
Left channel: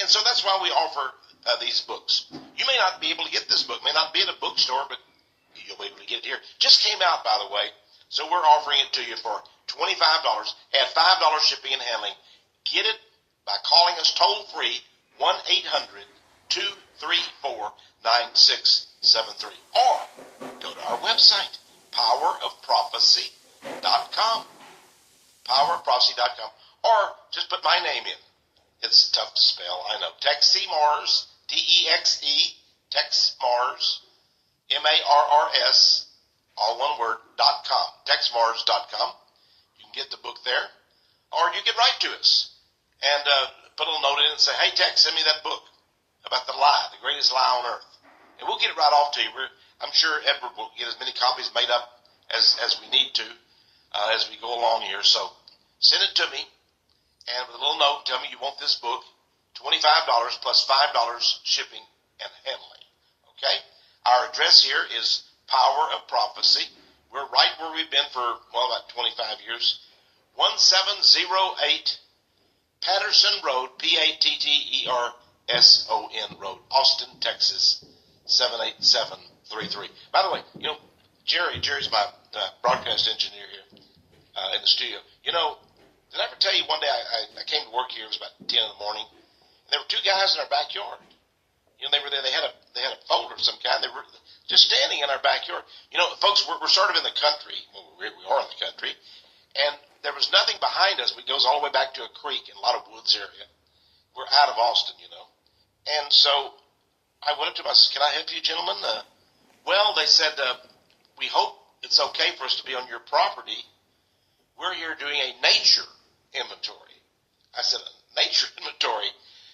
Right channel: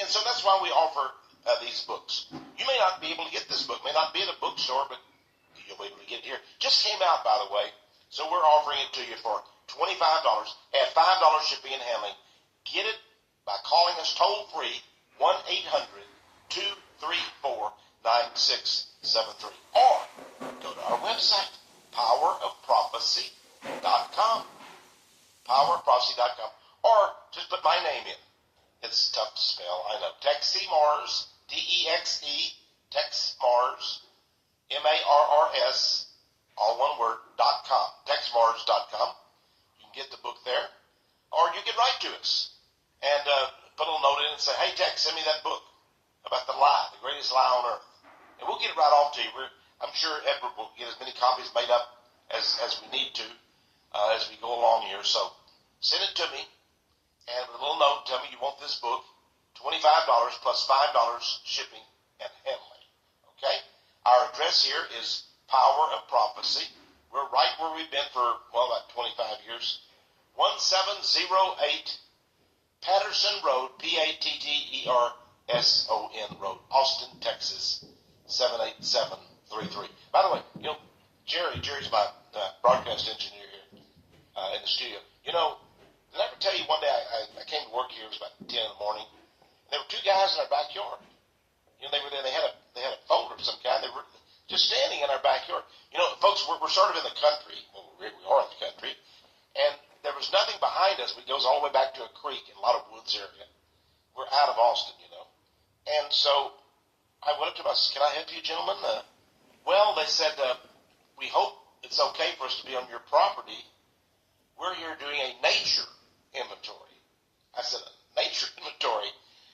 And so that's why we offer these books. You may not be able to get this book. It may not be at a bookstore, but you'll be able to get it here. Just came out, by the way, so we're offering it to you for $25. Add $5 shipping and handling. Get it by calling us toll-free, 1-800-234-9673. Or go to our website, powerofprophecy.com. Powerofprophecy.com. Or just put my name in. It's tough to spell, I know. Texemars, T-E-X-E, Texmars, M-A-R-R-S, all one word, .com, Texmars.com. You can get the book there. Or you can write to us and put a little note in and say, hey, Tex, send me that book about the lie, the greatest lie on earth. And we'll get it right off to you. I'm sure Edward will get as many copies made up as we need to as we go along here. So send it to me. And with a little note, tell me you want this book, $25 plus $5 shipping and handling. Okay? Our address here is Power of Prophecy. We're right where we've been for, about 25 years. 1708 Patterson Road, Patterson Road, Austin, Texas, 78733. By the way, Jerry's my broadcast engineer here in the studio. You know, did I ever tell you one day I came to work here, it was about 10 in the morning, and there were two guys in our backyard. You know, they were there, they had a folder of some kind, they were just standing in our backyard. You know, folks, we're sort of in the country, well, we are in the country, and there was nothing behind us. It goes all the way back to a creek in a lot of woods area. We're out of Austin, you know. And so I went up to them, I said, can I help you, gentlemen? Well, they said, we hope it's okay for us to be on your property. We're here doing a nature inventory. I said, a nature inventory?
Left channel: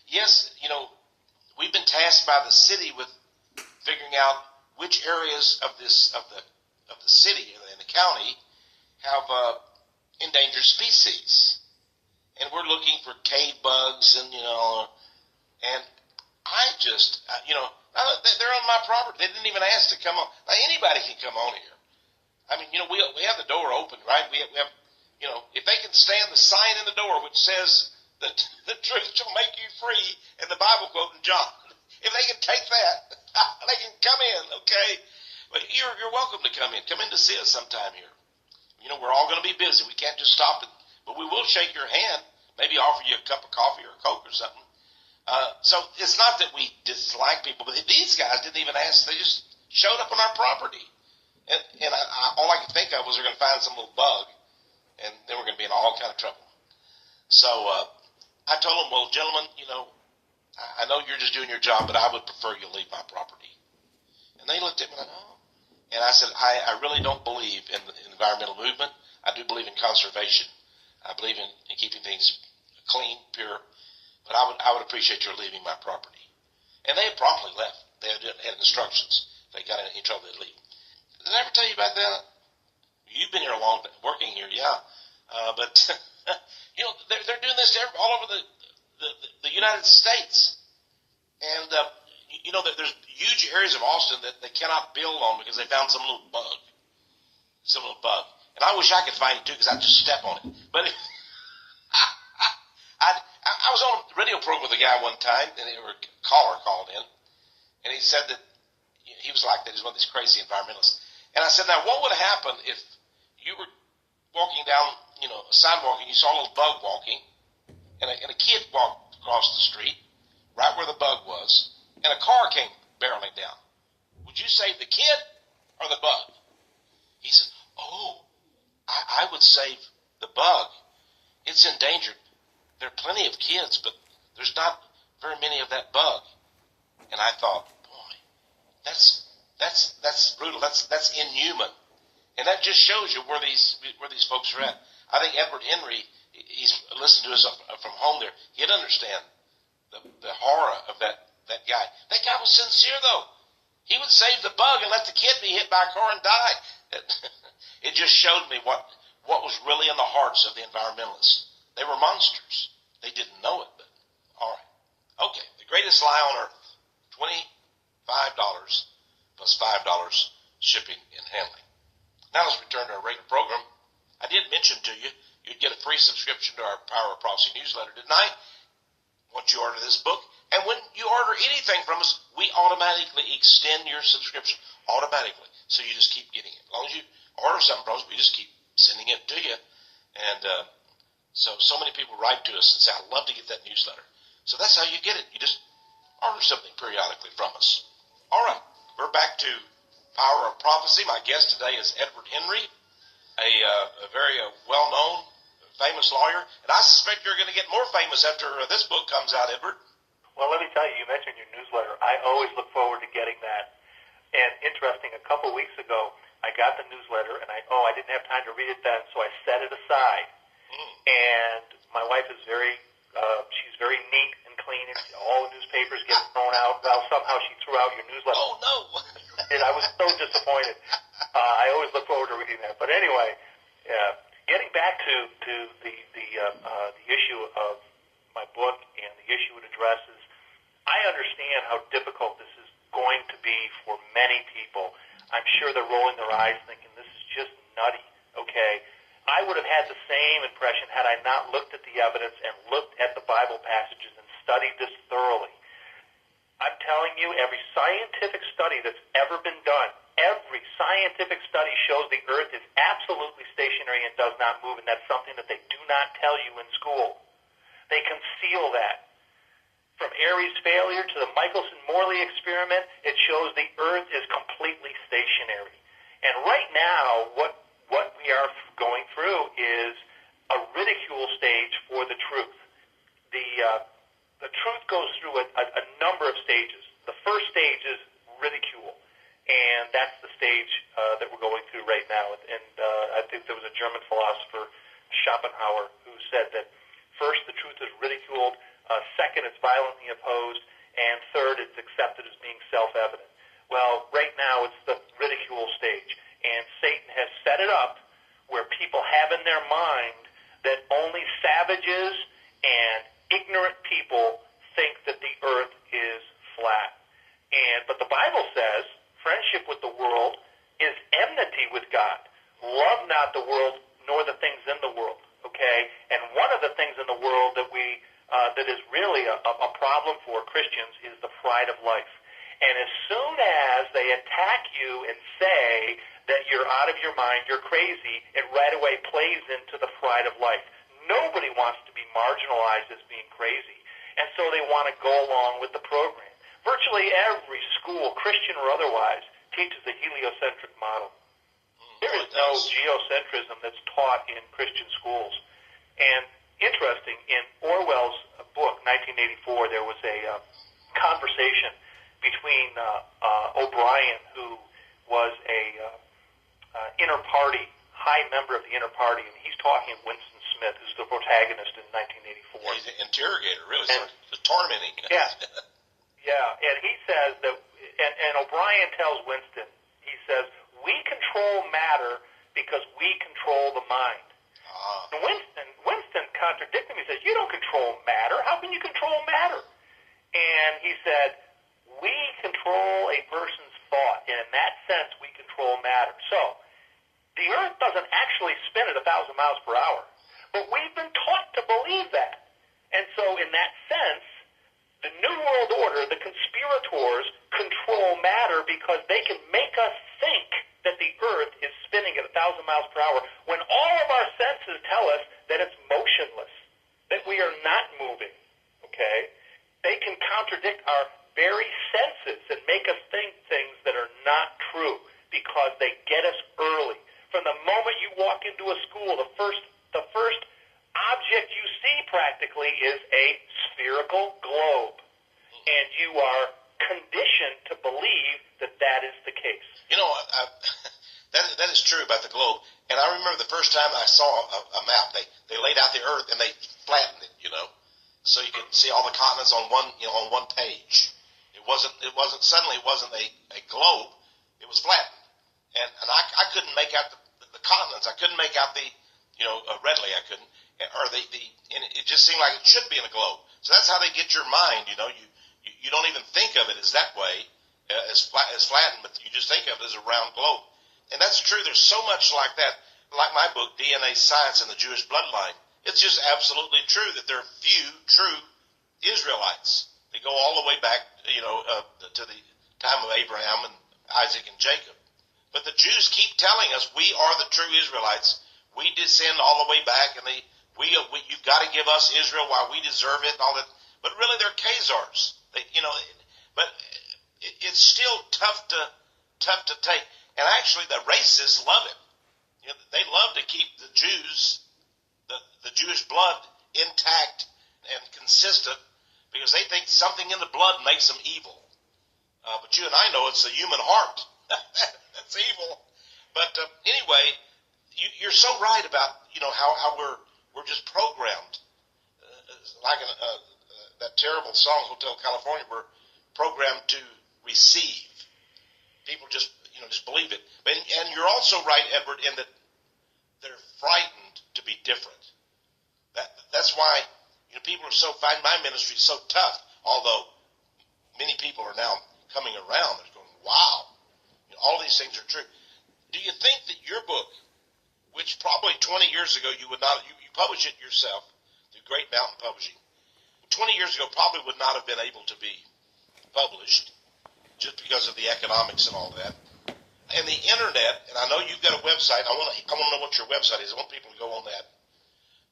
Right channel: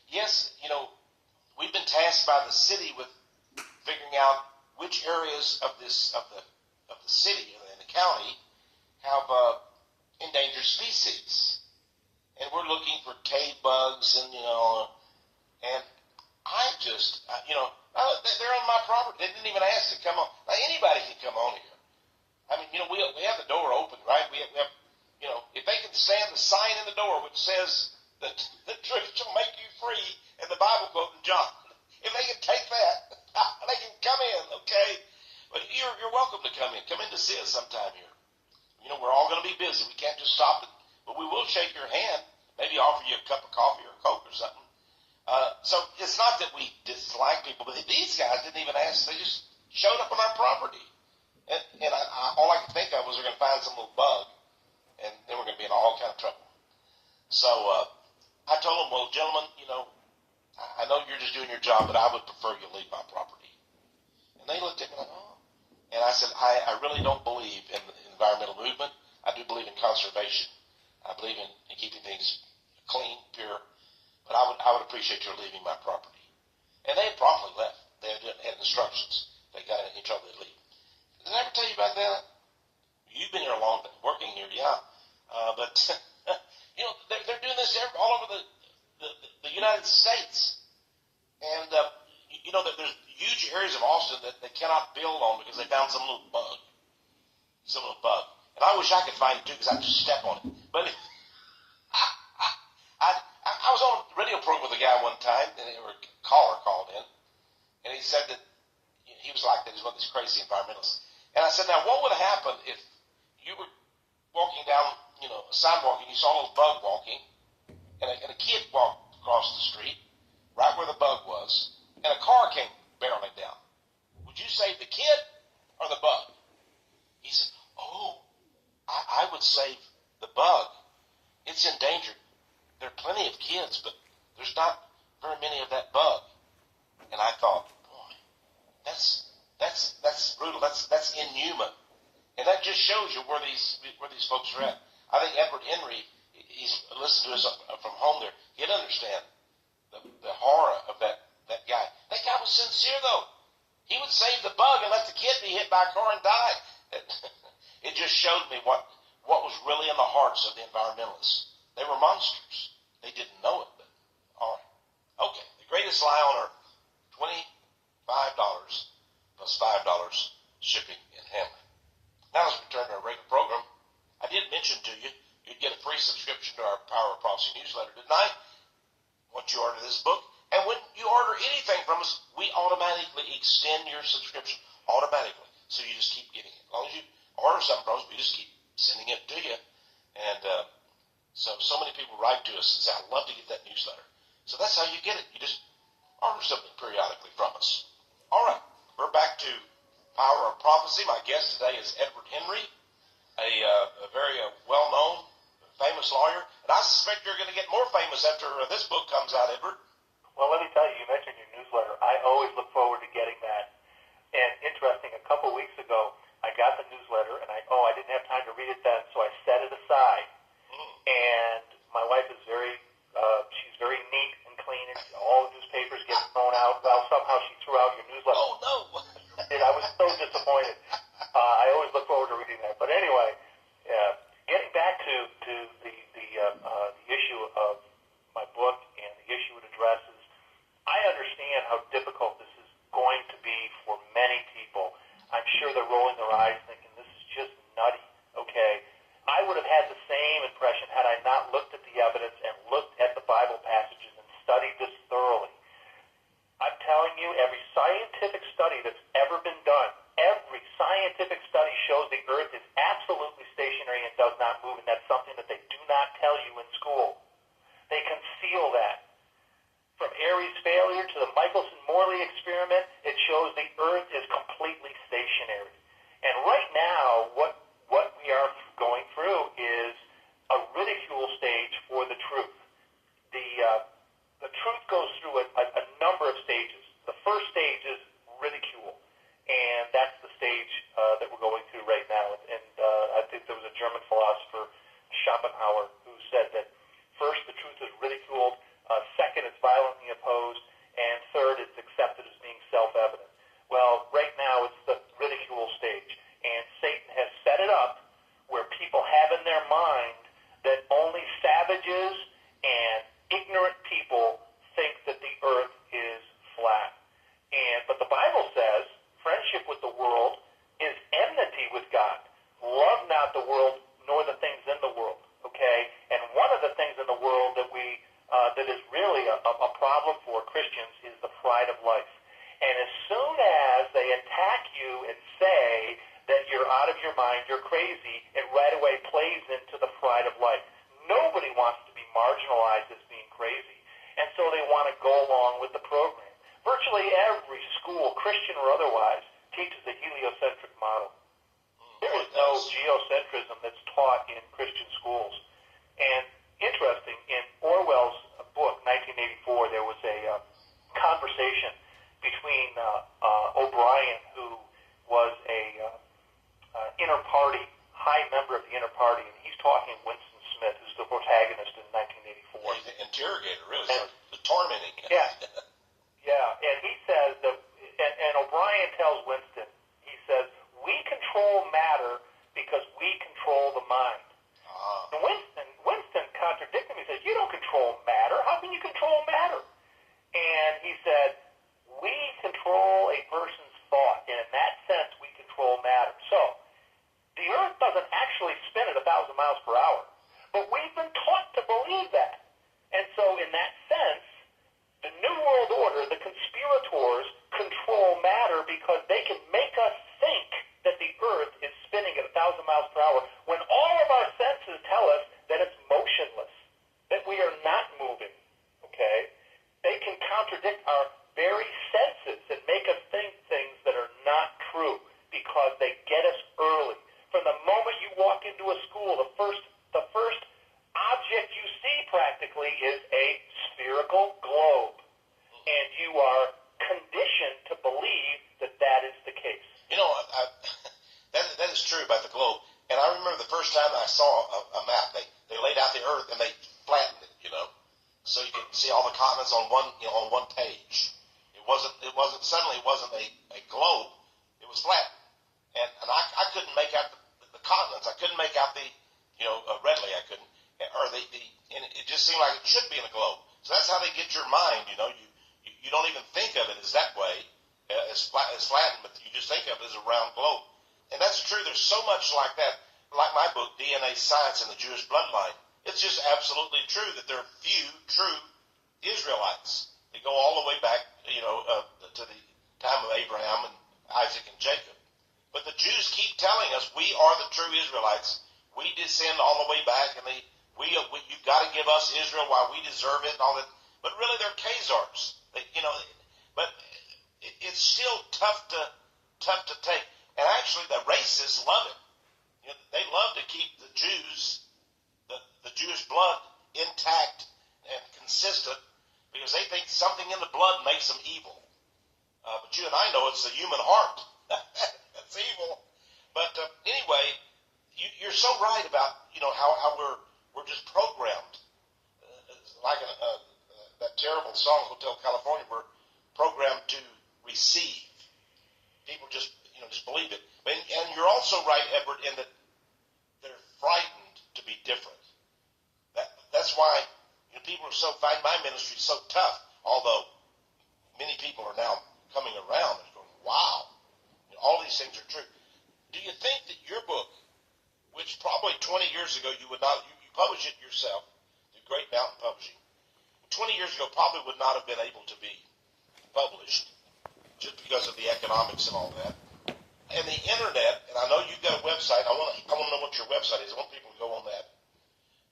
Yes, you know, we've been tasked by the city with figuring out which areas of the city and the county have endangered species. And we're looking for cave bugs and, you know, and I just, you know, they're on my property. They didn't even ask to come on. Now, anybody can come on here. I mean, you know, we have the door open, right? We have, you know, if they can stand the sign in the door which says that the truth shall make you free, and the Bible quote in John, if they can take that, they can come in, okay? But you're welcome to come in. Come in to see us sometime here. You know, we're all going to be busy. We can't just stop it, but we will shake your hand, maybe offer you a cup of coffee or a Coke or something. So it's not that we dislike people, but these guys didn't even ask. They just showed up on our property. And all I could think of was they're going to find some little bug, and then we're going to be in all kind of trouble. So I told them, well, gentlemen, you know, I know you're just doing your job, but I would prefer you leave my property. And they looked at me like, oh. And I said, I really don't believe in the environmental movement. I do believe in conservation. I believe in keeping things clean, pure. But I would appreciate your leaving my property. And they had promptly left. They had instructions. If they got in any trouble, they'd leave. Did I ever tell you about that? You've been here a long time, working here, yeah. But, you know, they're doing this all over the United States. And, you know, there's huge areas of Austin that they cannot build on because they found some little bug. And I wish I could find it, too, because I'd just step on it. But I was on a radio program with a guy one time, and a caller called in, and he said that he was like that. He's one of these crazy environmentalists. And I said, now, what would happen if you were walking down, you know, a sidewalk, and you saw a little bug walking, and a kid walked across the street, right where the bug was, and a car came barreling down? Would you save the kid or the bug? He said, oh, I would save the bug. It's endangered. There are plenty of kids, but there's not very many of that bug. And I thought, boy, that's brutal. That's inhuman. And that just shows you where these folks are at. I think Edward Henry, he's listened to us from home there. He'd understand the horror of that guy. That guy was sincere, though. He would save the bug and let the kid be hit by a car and die. It just showed me what was really in the hearts of the environmentalists. They were monsters. They didn't know it, but all right. Okay, the greatest lie on earth, $25 plus $5 shipping and handling. Now let's return to our regular program. I did mention to you, you'd get a free subscription to our Power of Prophecy newsletter, didn't I? Once you order this book. And when you order anything from us, we automatically extend your subscription, automatically. So you just keep getting it. As long as you order something from us, we just keep sending it to you. And so many people write to us and say, I'd love to get that newsletter. So that's how you get it. You just order something periodically from us. All right, we're back to Power of Prophecy. My guest today is Edward Henry, a very well-known, famous lawyer. And I suspect you're going to get more famous after this book comes out, Edward. Well, let me tell you, you mentioned your newsletter. I always look forward to getting that. And interesting, a couple weeks ago, I got the newsletter, and I didn't have time to read it then, so I set it aside. And my wife is she's very neat and clean, and all the newspapers get thrown out. Now, somehow she threw out your newsletter. Oh, no. And I was so disappointed. I always look forward to reading that. But anyway, getting back to the issue of my book and the issue it addresses, I understand how difficult this is going to be for many people. I'm sure they're rolling their eyes thinking, this is just nutty, okay? I would have had the same impression had I not looked at the evidence and looked at the Bible passages and studied this thoroughly. I'm telling you, every scientific study that's ever been done, every scientific study not moving. That's something that they do not tell you in school. They conceal that. From Airy's failure to the Michelson-Morley experiment, it shows the Earth is completely stationary. And right now, what we are going through is a ridicule stage for the truth. The truth goes through a number of stages. The first stage is ridicule, and that's the stage that we're going through right now. And I think there was a German philosopher, Schopenhauer, who said that first, the truth is ridiculed. Second, it's violently opposed. And third, it's accepted as being self-evident. Well, right now, it's the ridicule stage. And Satan has set it up where people have in their mind that only savages and ignorant people think that the earth is flat. But the Bible says friendship with the world is enmity with God. Love not the world, nor the things in the world. Okay? And one of the things in the world that that is really a problem for Christians is the pride of life. And as soon as they attack you and say that you're out of your mind, you're crazy, it right away plays into the pride of life. Nobody wants to be marginalized as being crazy, and so they want to go along with the program. Virtually every school, Christian or otherwise, teaches the heliocentric model. There is no geocentrism that's taught in Christian schools. And interesting, in Orwell's book, 1984, there was a conversation between O'Brien, who was a inner party, high member of the inner party, and he's talking Winston Smith, who's the protagonist in 1984. He's an interrogator, really, so tormenting. Yeah, yeah, and he says that, and O'Brien tells Winston, he says, we control matter because we control the mind. And Winston contradicted him. He says, you don't control matter. How can you control matter? And he said, we control a person's thought, and in that sense, we control matter. So, the earth doesn't actually spin at 1,000 miles per hour, but we've been taught to believe that. And so, in that sense, the New World Order, the conspirators, control matter because they can make us think that the earth is spinning at 1,000 miles per hour when all of our senses tell us that it's motionless, that we are not moving, okay? They can contradict our very senses and make us think things that are not true because they get us early. From the moment you walk into a school, the first object you see practically is a spherical globe, and you are conditioned to believe that that is the case. You know, that is true about the globe. And I remember the first time I saw a map. They laid out the earth and they flattened it, so you could see all the continents on one page. It wasn't a globe. It was flattened, and I couldn't make out the continents. I couldn't make out readily. I couldn't, and it just seemed like it should be in a globe. So that's how they get your mind. You don't even think of it as that way. As flattened, but you just think of it as a round globe. And that's true. There's so much like that. Like my book, DNA Science and the Jewish Bloodline. It's just absolutely true that there are few true Israelites. They go all the way back, to the time of Abraham and Isaac and Jacob. But the Jews keep telling us we are the true Israelites. We descend all the way back, and you've got to give us Israel while we deserve it and all that. But really, they're Khazars. But it's still tough to take. And actually, the racists love it. They love to keep the Jews, the Jewish blood intact and consistent because they think something in the blood makes them evil. But you and I know it's the human heart that's evil. But anyway, you're so right about how we're just programmed. Like that terrible song, Hotel California, we're programmed to receive. People just believe it. And you're also right, Edward, in that they're frightened to be different. That's why people are find my ministry so tough, although many people are now coming around and going, wow, all these things are true. Do you think that your book, which probably 20 years ago you would not, you published it yourself through Great Mountain Publishing, 20 years ago probably would not have been able to be published just because of the economics and all that. and the internet, and I know you've got a website. I want to know what your website is. I want people to go on that.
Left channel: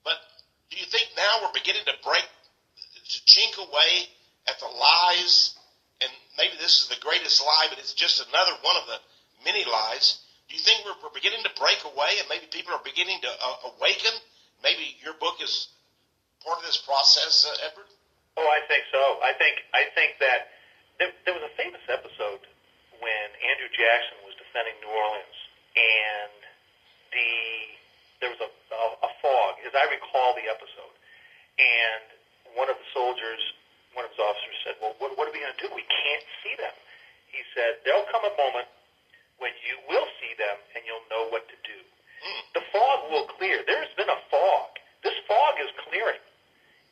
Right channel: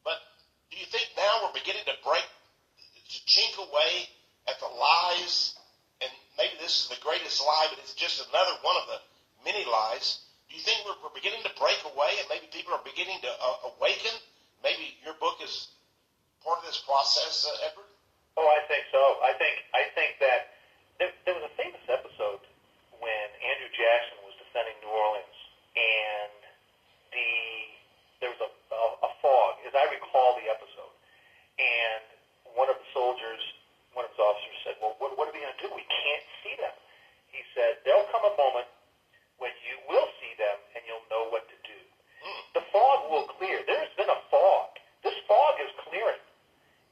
But do you think now we're beginning to chink away at the lies? And maybe this is the greatest lie, but it's just another one of the many lies. Do you think we're beginning to break away, and maybe people are beginning to awaken? Maybe your book is part of this process, Edward? Oh, I think so. I think that there was a famous episode when Andrew Jackson was defending New Orleans, and there was a fog, as I recall the episode, and one of his officers said, well, what are we going to do? We can't see them. He said, there'll come a moment when you will see them and you'll know what to do. The fog will clear. There's been a fog. This fog is clearing.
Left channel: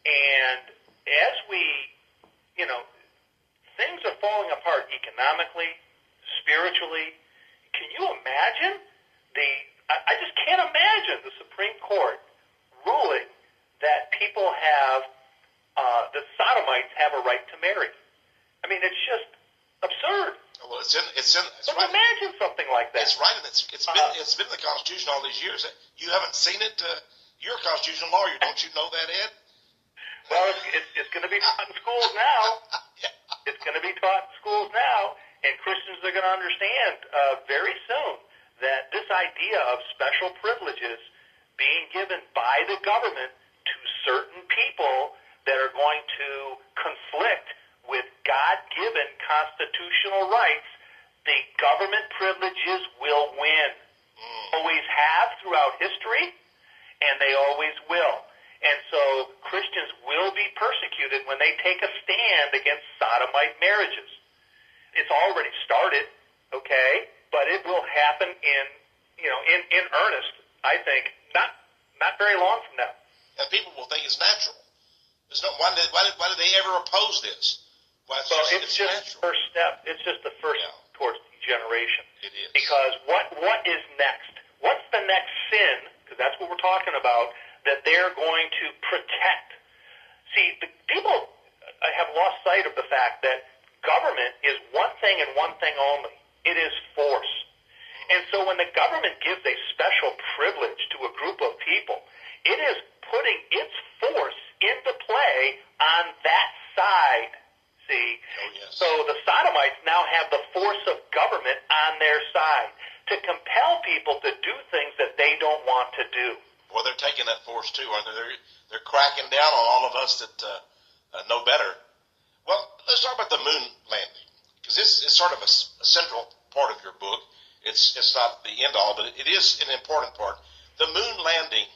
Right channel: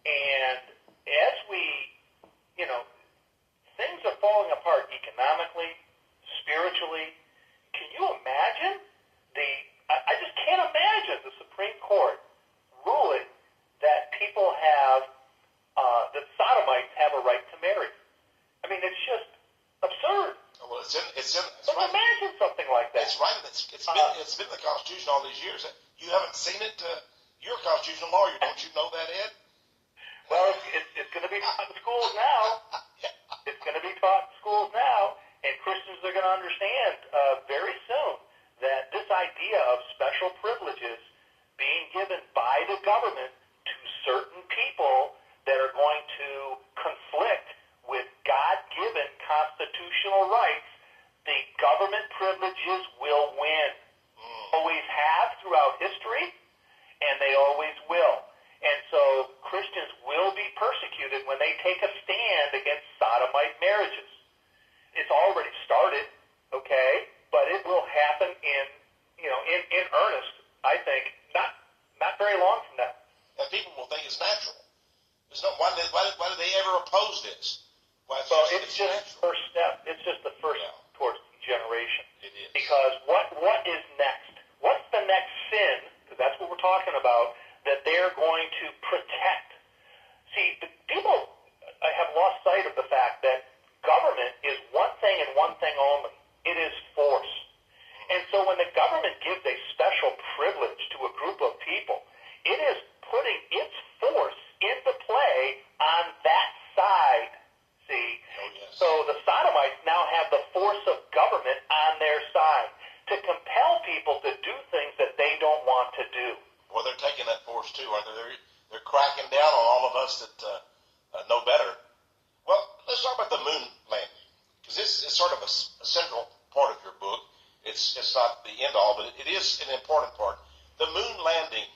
And as things are falling apart economically, spiritually. Can you imagine I just can't imagine the Supreme Court ruling that people have, that sodomites have a right to marry. I mean, it's just absurd. Well, it's right. Imagine something like that. It's right. It's been in the Constitution all these years. You haven't seen it. You're a constitutional lawyer, don't you know that, Ed? Well, it's going to be taught in schools now. It's going to be taught in schools now, and Christians are going to understand very soon that this idea of special privileges being given by the government to certain people that are going to conflict with God-given constitutional rights, the government privileges will win. Always have throughout history, and they always will. And so Christians will be persecuted when they take a stand against sodomite marriages. It's already started, okay, but it will happen in earnest, I think, not very long from now. And people will think it's natural. Why did they ever oppose this? It's just the first step. It's just the first towards degeneration. It is. Because what is next? What's the next sin? Because that's what we're talking about, that they're going to protect. See, the people have lost sight of the fact that government is one thing and one thing only. It is force. And so when the government gives a special privilege to a group of people, it is putting its force into play on that side. See? Oh, yes. So the sodomites now have the force of government on their side to compel people to do things that they don't want to do. Well, they're taking that force too, aren't they? They're cracking down on all of us that know better. Well, let's talk about the moon landing, because this is sort of a central part of your book. It's not the end all, but it is an important part. The moon landing,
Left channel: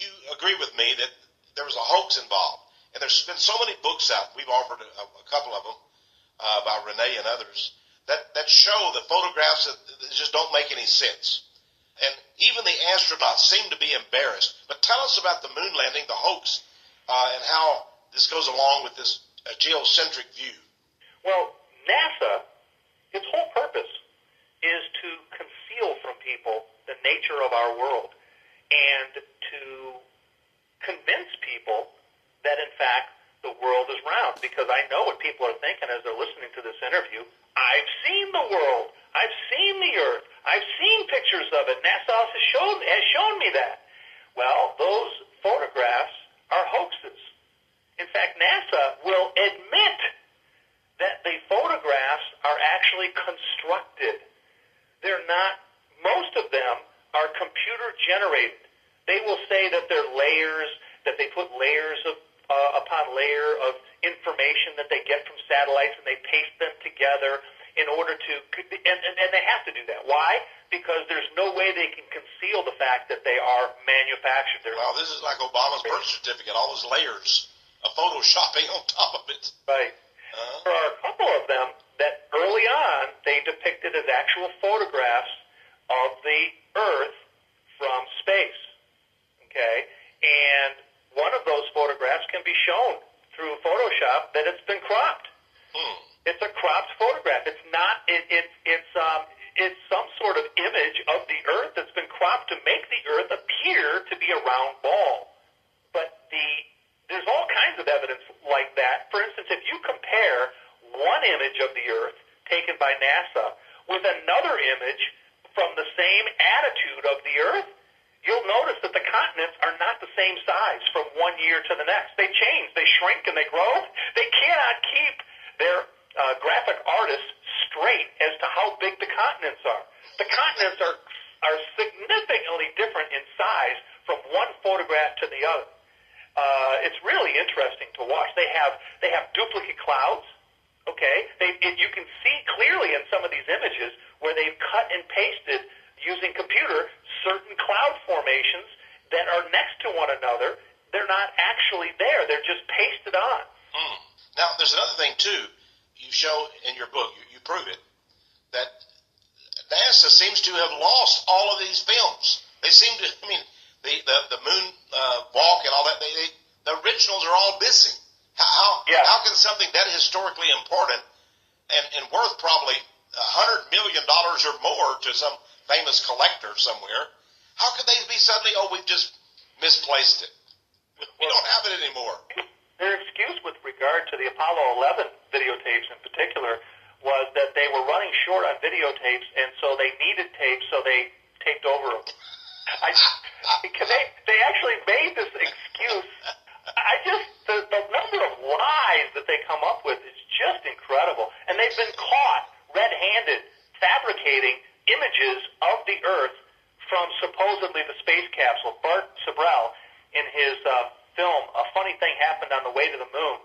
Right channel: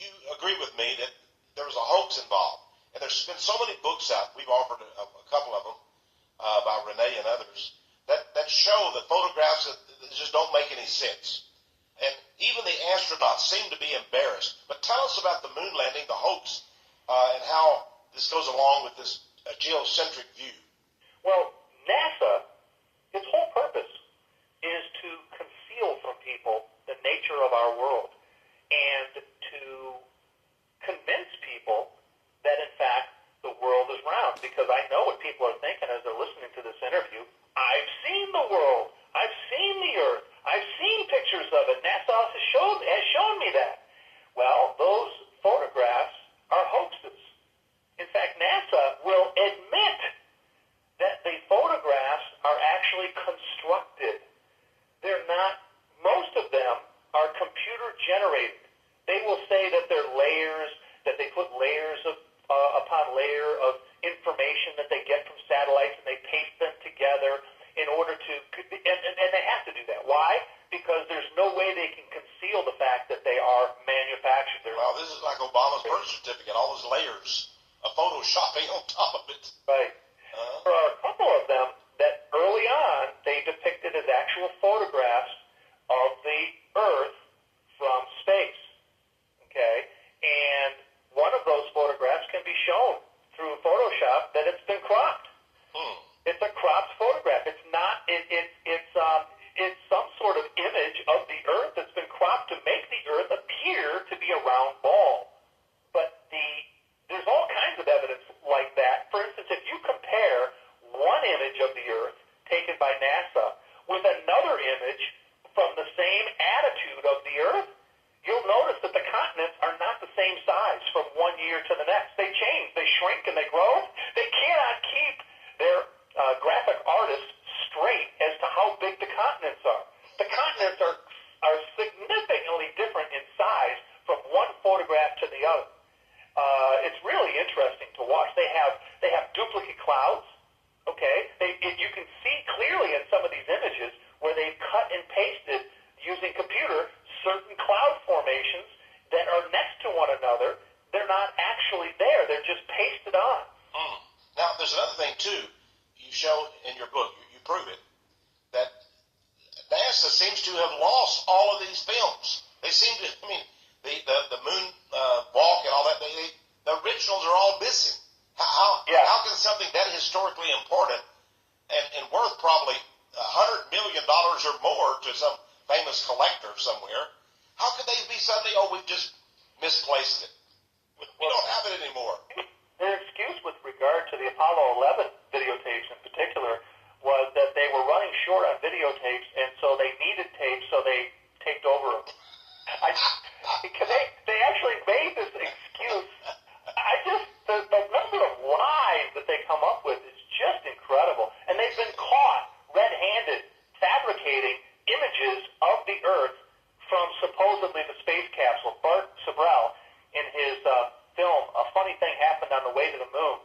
you agree with me that there was a hoax involved, and there's been so many books out. We've offered a couple of them by Renee and others that show the photographs that just don't make any sense. And even the astronauts seem to be embarrassed. But tell us about the moon landing, the hoax, and how this goes along with this geocentric view. Well, NASA, its whole purpose is to conceal from people the nature of our world and to convince people that, in fact, the world is round. Because I know what people are thinking as they're listening to this interview. I've seen the world. I've seen the earth. I've seen pictures of it. NASA has shown me that. Well, those photographs are hoaxes. In fact, NASA will admit that the photographs are actually constructed. They're not, most of them are computer generated. They will say that they're layers, that they put layers upon layer of information that they get from satellites, and they paste them together in order to, and they have to do that. Why? Because there's no way they can conceal the fact that they are manufactured. Well, this is like Obama's birth certificate, all those layers of photoshopping on top of it. Right. There are a couple of them that early on they depicted as actual photographs of the Earth from space. Okay? And one of those photographs can be shown through Photoshop that it's been cropped. It's a cropped photograph. It's not. It's some sort of image of the Earth that's been cropped to make the Earth appear to be a round ball. But there's all kinds of evidence like that. For instance, if you compare one image of the Earth taken by NASA with another image you'll notice that the continents are not the same size from one year to the next. They change, they shrink, and they grow. They cannot keep their graphic artists straight as to how big the continents are. The continents are significantly different in size from one photograph to the other. It's really interesting to watch. They have duplicate clouds. Okay, you can see clearly in some of these images where they've cut and pasted using computer certain cloud formations that are next to one another. They're not actually there. They're just pasted on. Now, there's another thing, too. You show in your book, you prove it, that NASA seems to have lost all of these films. They seem to, the moon walk and all that, the originals are all missing. How can something that historically important and worth probably $100 million or more to some famous collector somewhere, how could they be suddenly, we've just misplaced it? We don't have it anymore. Their excuse with regard to the Apollo 11 videotapes in particular was that they were running short on videotapes, and so they needed tapes, so they taped over them. They actually made this excuse. The number of lies that they come up with is just incredible. And they've been caught red-handed fabricating images of the Earth from supposedly the space capsule. Bart Sibrel, in his film, A Funny Thing Happened on the Way to the Moon,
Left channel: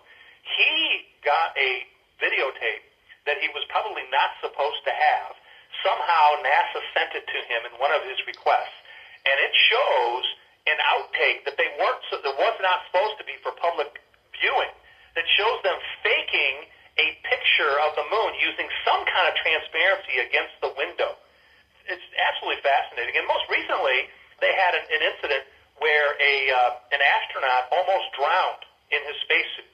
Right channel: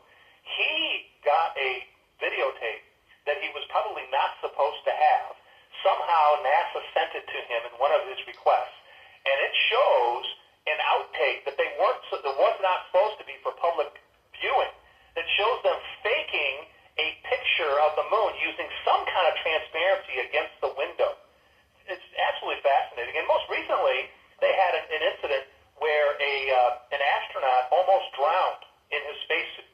he got a videotape that he was probably not supposed to have. Somehow NASA sent it to him in one of his requests. And it shows an outtake that that was not supposed to be for public viewing, that shows them faking a picture of the moon using some kind of transparency against the window. It's absolutely fascinating. And most recently, they had an incident where an astronaut almost drowned in his spacesuit.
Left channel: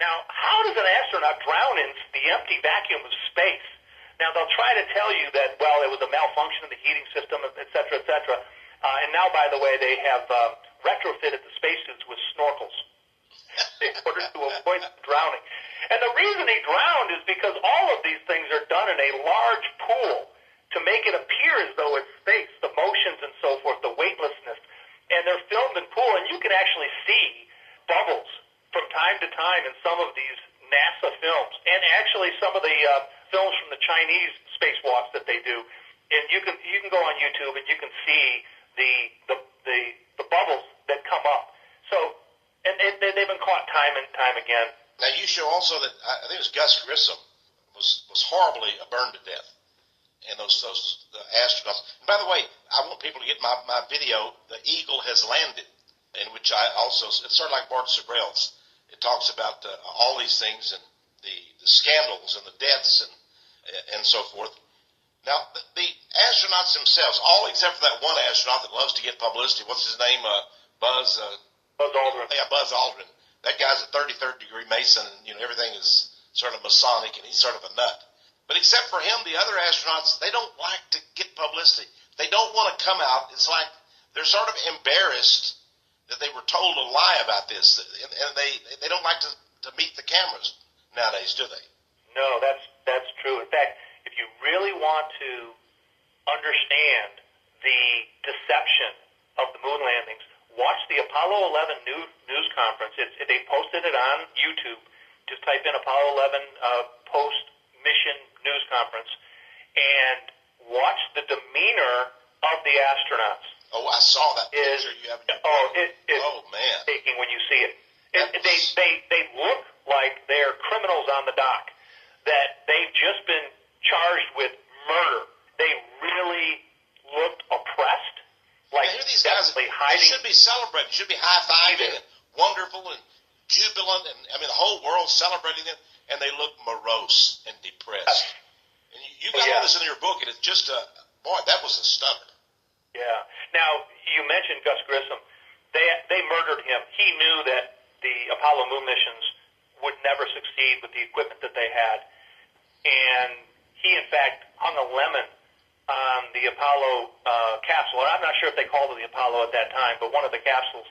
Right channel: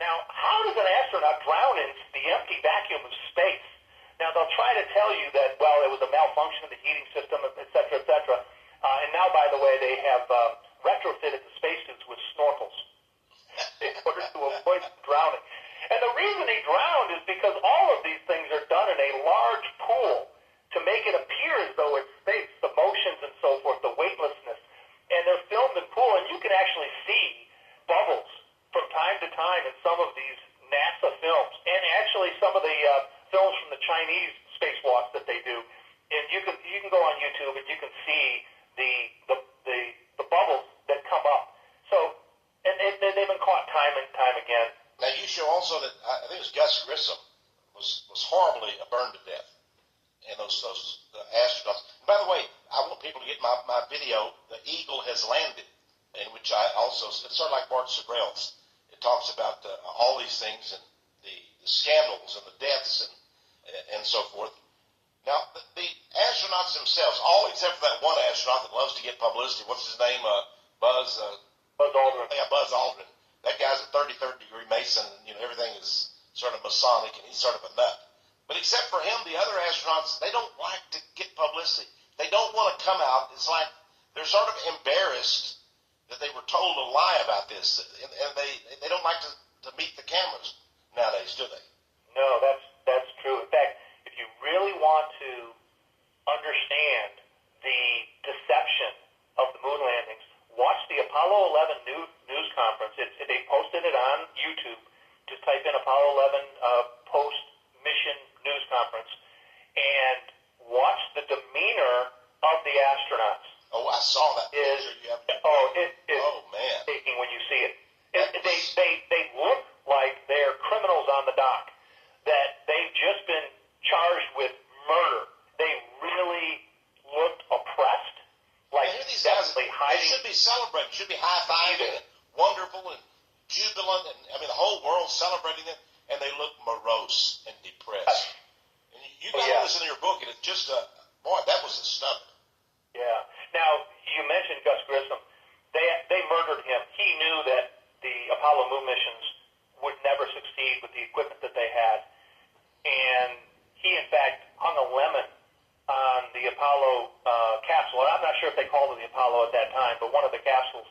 Now, how does an astronaut drown in the empty vacuum of space? Now, they'll try to tell you that, well, it was a malfunction of the heating system, et cetera, et cetera. And now, by the way, they have retrofitted the spacesuits with snorkels in order to avoid drowning. And the reason he drowned is because all of these things are done in a large pool to make it appear as though it's space, the motions and so forth, the weightlessness. And they're filmed in pool, and you can actually see bubbles from time to time in some of these NASA films, and actually some of the films from the Chinese spacewalks that they do. And you can go on YouTube and you can see the bubbles that come up. So, and they've been caught time and time again. Now, you show also that, I think it was Gus Grissom, was horribly burned to death. And those astronauts. And by the way, I want people to get my video, The Eagle Has Landed, in which I also, it's sort of like Bart Sibrel's. It talks about all these things and the scandals and the deaths and so forth. Now, the astronauts themselves, all except for that one astronaut that loves to get publicity, what's his name? Buzz Aldrin. Yeah, Buzz Aldrin. That guy's a 33rd degree Mason, and everything is sort of Masonic, and he's sort of a nut. But except for him, the other astronauts, they don't like to get publicity. They don't want to come out. It's like they're sort of embarrassed that they were told a lie about this, and they don't like to meet the cameras nowadays, do they? No, that's true. In fact, if you really want to understand the deception of the moon landings, watch the Apollo 11 news conference. They posted it on YouTube. Just type in Apollo 11 post-mission news conference and watch the demeanor of the astronauts. Oh, I saw that picture you have. It is man, taking when you see it. They look like they're criminals on the dock, that they've just been charged with murder. They really looked oppressed. Like these guys, they should be celebrating, should be high-fiving and wonderful and jubilant, and the whole world celebrating them, and they look morose and depressed. And you got all this in your book, and it's just boy, that was a stunner. Yeah. Now, you mentioned Gus Grissom. They murdered him. He knew that the Apollo moon missions would never succeed with the equipment that they had. And he, in fact, hung a lemon on the Apollo capsule. And I'm not sure if they called it the Apollo at that time, but one of the capsules,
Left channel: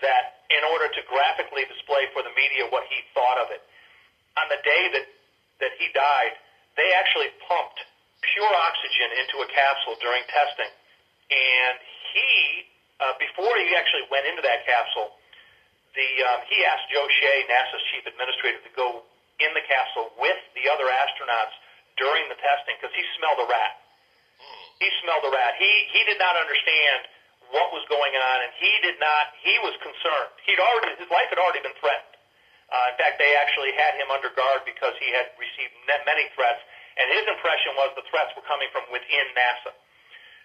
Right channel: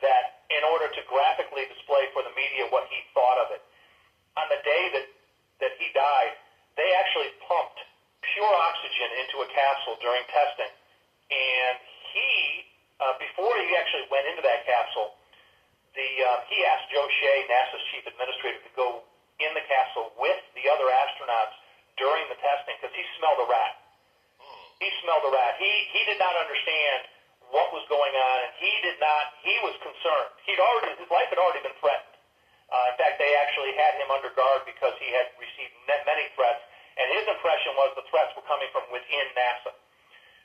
that in order to graphically display for the media what he thought of it. On the day that he died, they actually pumped pure oxygen into a capsule during testing. And he he actually went into that capsule, he asked Joe Shea, NASA's chief administrator, to go in the capsule with the other astronauts during the testing because he smelled a rat. He smelled a rat. He did not understand what was going on, and he was concerned. His life had already been threatened. In fact, they actually had him under guard because he had received many threats, and his impression was the threats were coming from within NASA.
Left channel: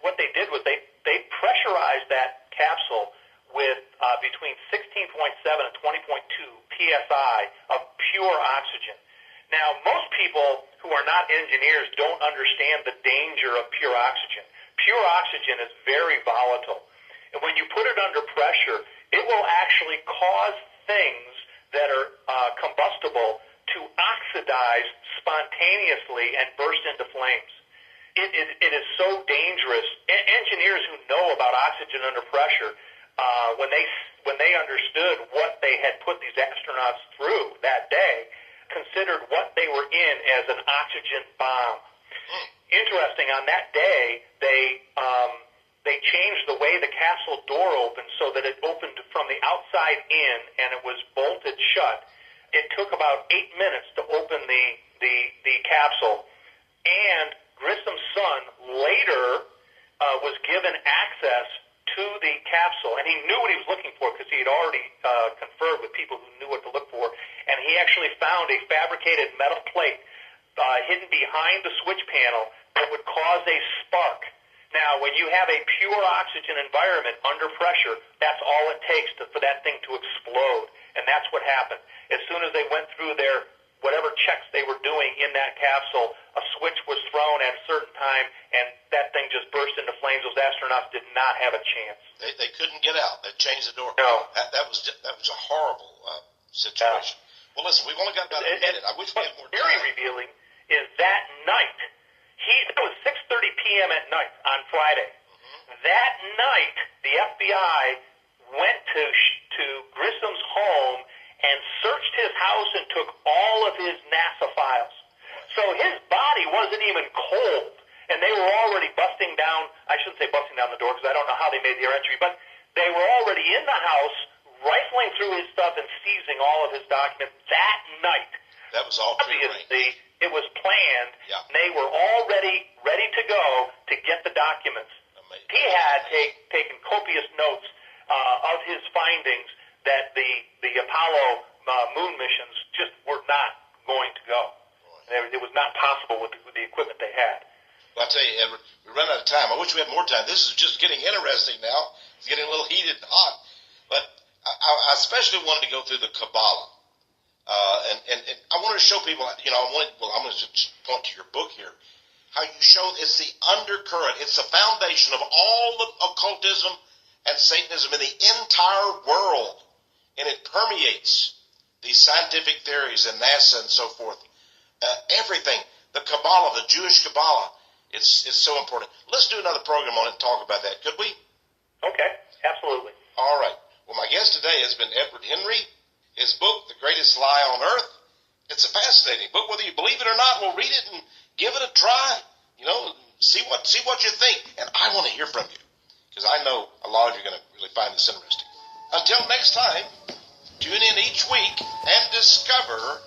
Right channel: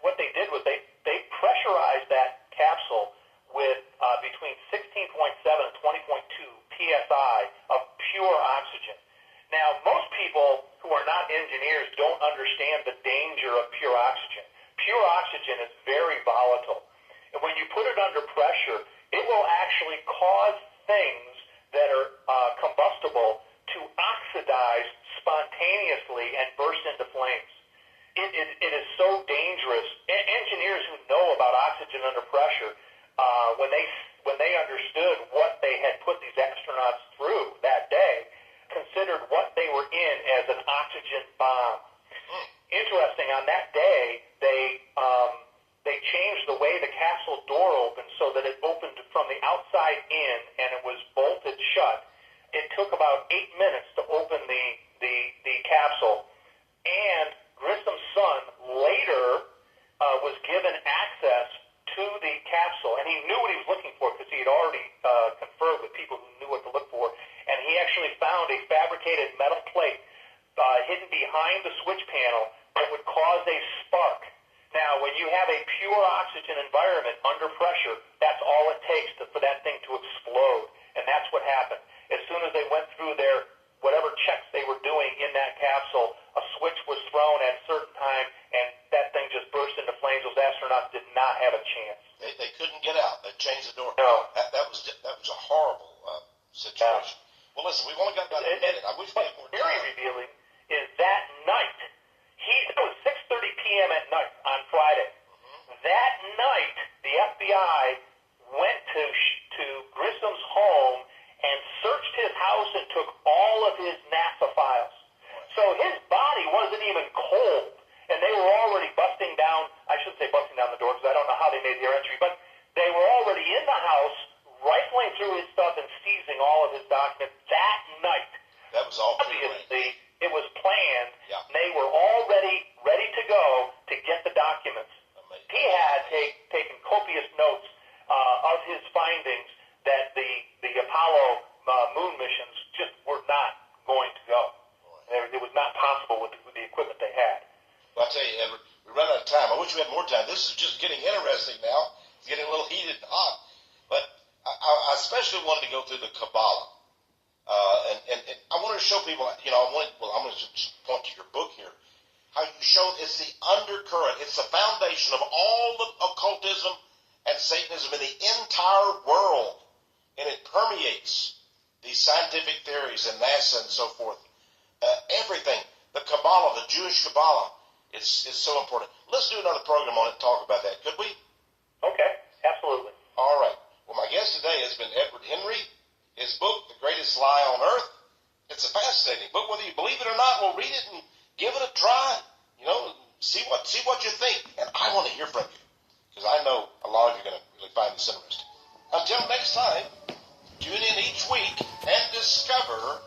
What they did was they pressurized that capsule with between 16.7 and 20.2 psi of pure oxygen. Now, most people who are not engineers don't understand the danger of pure oxygen. Pure oxygen is very volatile. And when you put it under pressure, it will actually cause things that are combustible to oxidize spontaneously and burst into flames. It is so dangerous. Engineers who know about oxygen under pressure, when they understood what they had put these astronauts through that day, considered what they were in as an oxygen bomb. Interesting, on that day, they changed the way the capsule door opened so that it opened from the outside in, and it was bolted shut. It took about 8 minutes to open the capsule, and Grissom's son later was given access to the capsule, and he knew what he was looking for because he had already conferred with people who knew what to look for, and he actually found a fabricated metal plate hidden behind the switch panel that would cause a spark. Now, when you have a pure oxygen environment under pressure, that's all it takes for that thing to explode, and that's what happened. As soon as they went through their whatever checks they were doing in that capsule, a switch was thrown at a certain time, and that thing just burst into flames. Those astronauts did not have a chance. They couldn't get out. They changed the door. No. That was a horrible situation. Yeah. Well, listen, we've only got about a minute. I wish we had more time. Very revealing is that night. It was 6:30 p.m. at night on Friday. Mm-hmm. That night, the FBI went to Grissom's home and searched his house and took all of his NASA files. So his body wasn't even cold, and they were already busting down, I shouldn't say busting down the door because I don't know how they made their entry, but they were already in the house, rifling through his stuff and seizing all of his documents that night. That was all obviously, it was planned. Yeah. And they were already ready to go to get the documents. Amazing. He had taken copious notes of his findings that the Apollo moon missions just were not going to go. It was not possible with the equipment they had. Well, I'll tell you, Edward, we run out of time. I wish we had more time. This is just getting interesting now. It's getting a little heated and hot. But I especially wanted to go through the Kabbalah. And I want to show people, I'm going to just point to your book here, how you show it's the undercurrent, it's the foundation of all the occultism and Satanism in the entire world. And it permeates these scientific theories and NASA and so forth. Everything, the Kabbalah, the Jewish Kabbalah, it's so important. Let's do another program on it and talk about that, could we? Okay, absolutely. All right. Well, my guest today has been Edward Henry. His book, The Greatest Lie on Earth, it's a fascinating book. Whether you believe it or not, we'll read it and give it a try. See what you think. And I want to hear from you because I know a lot of you are going to really find this interesting. Until next time, tune in each week and discover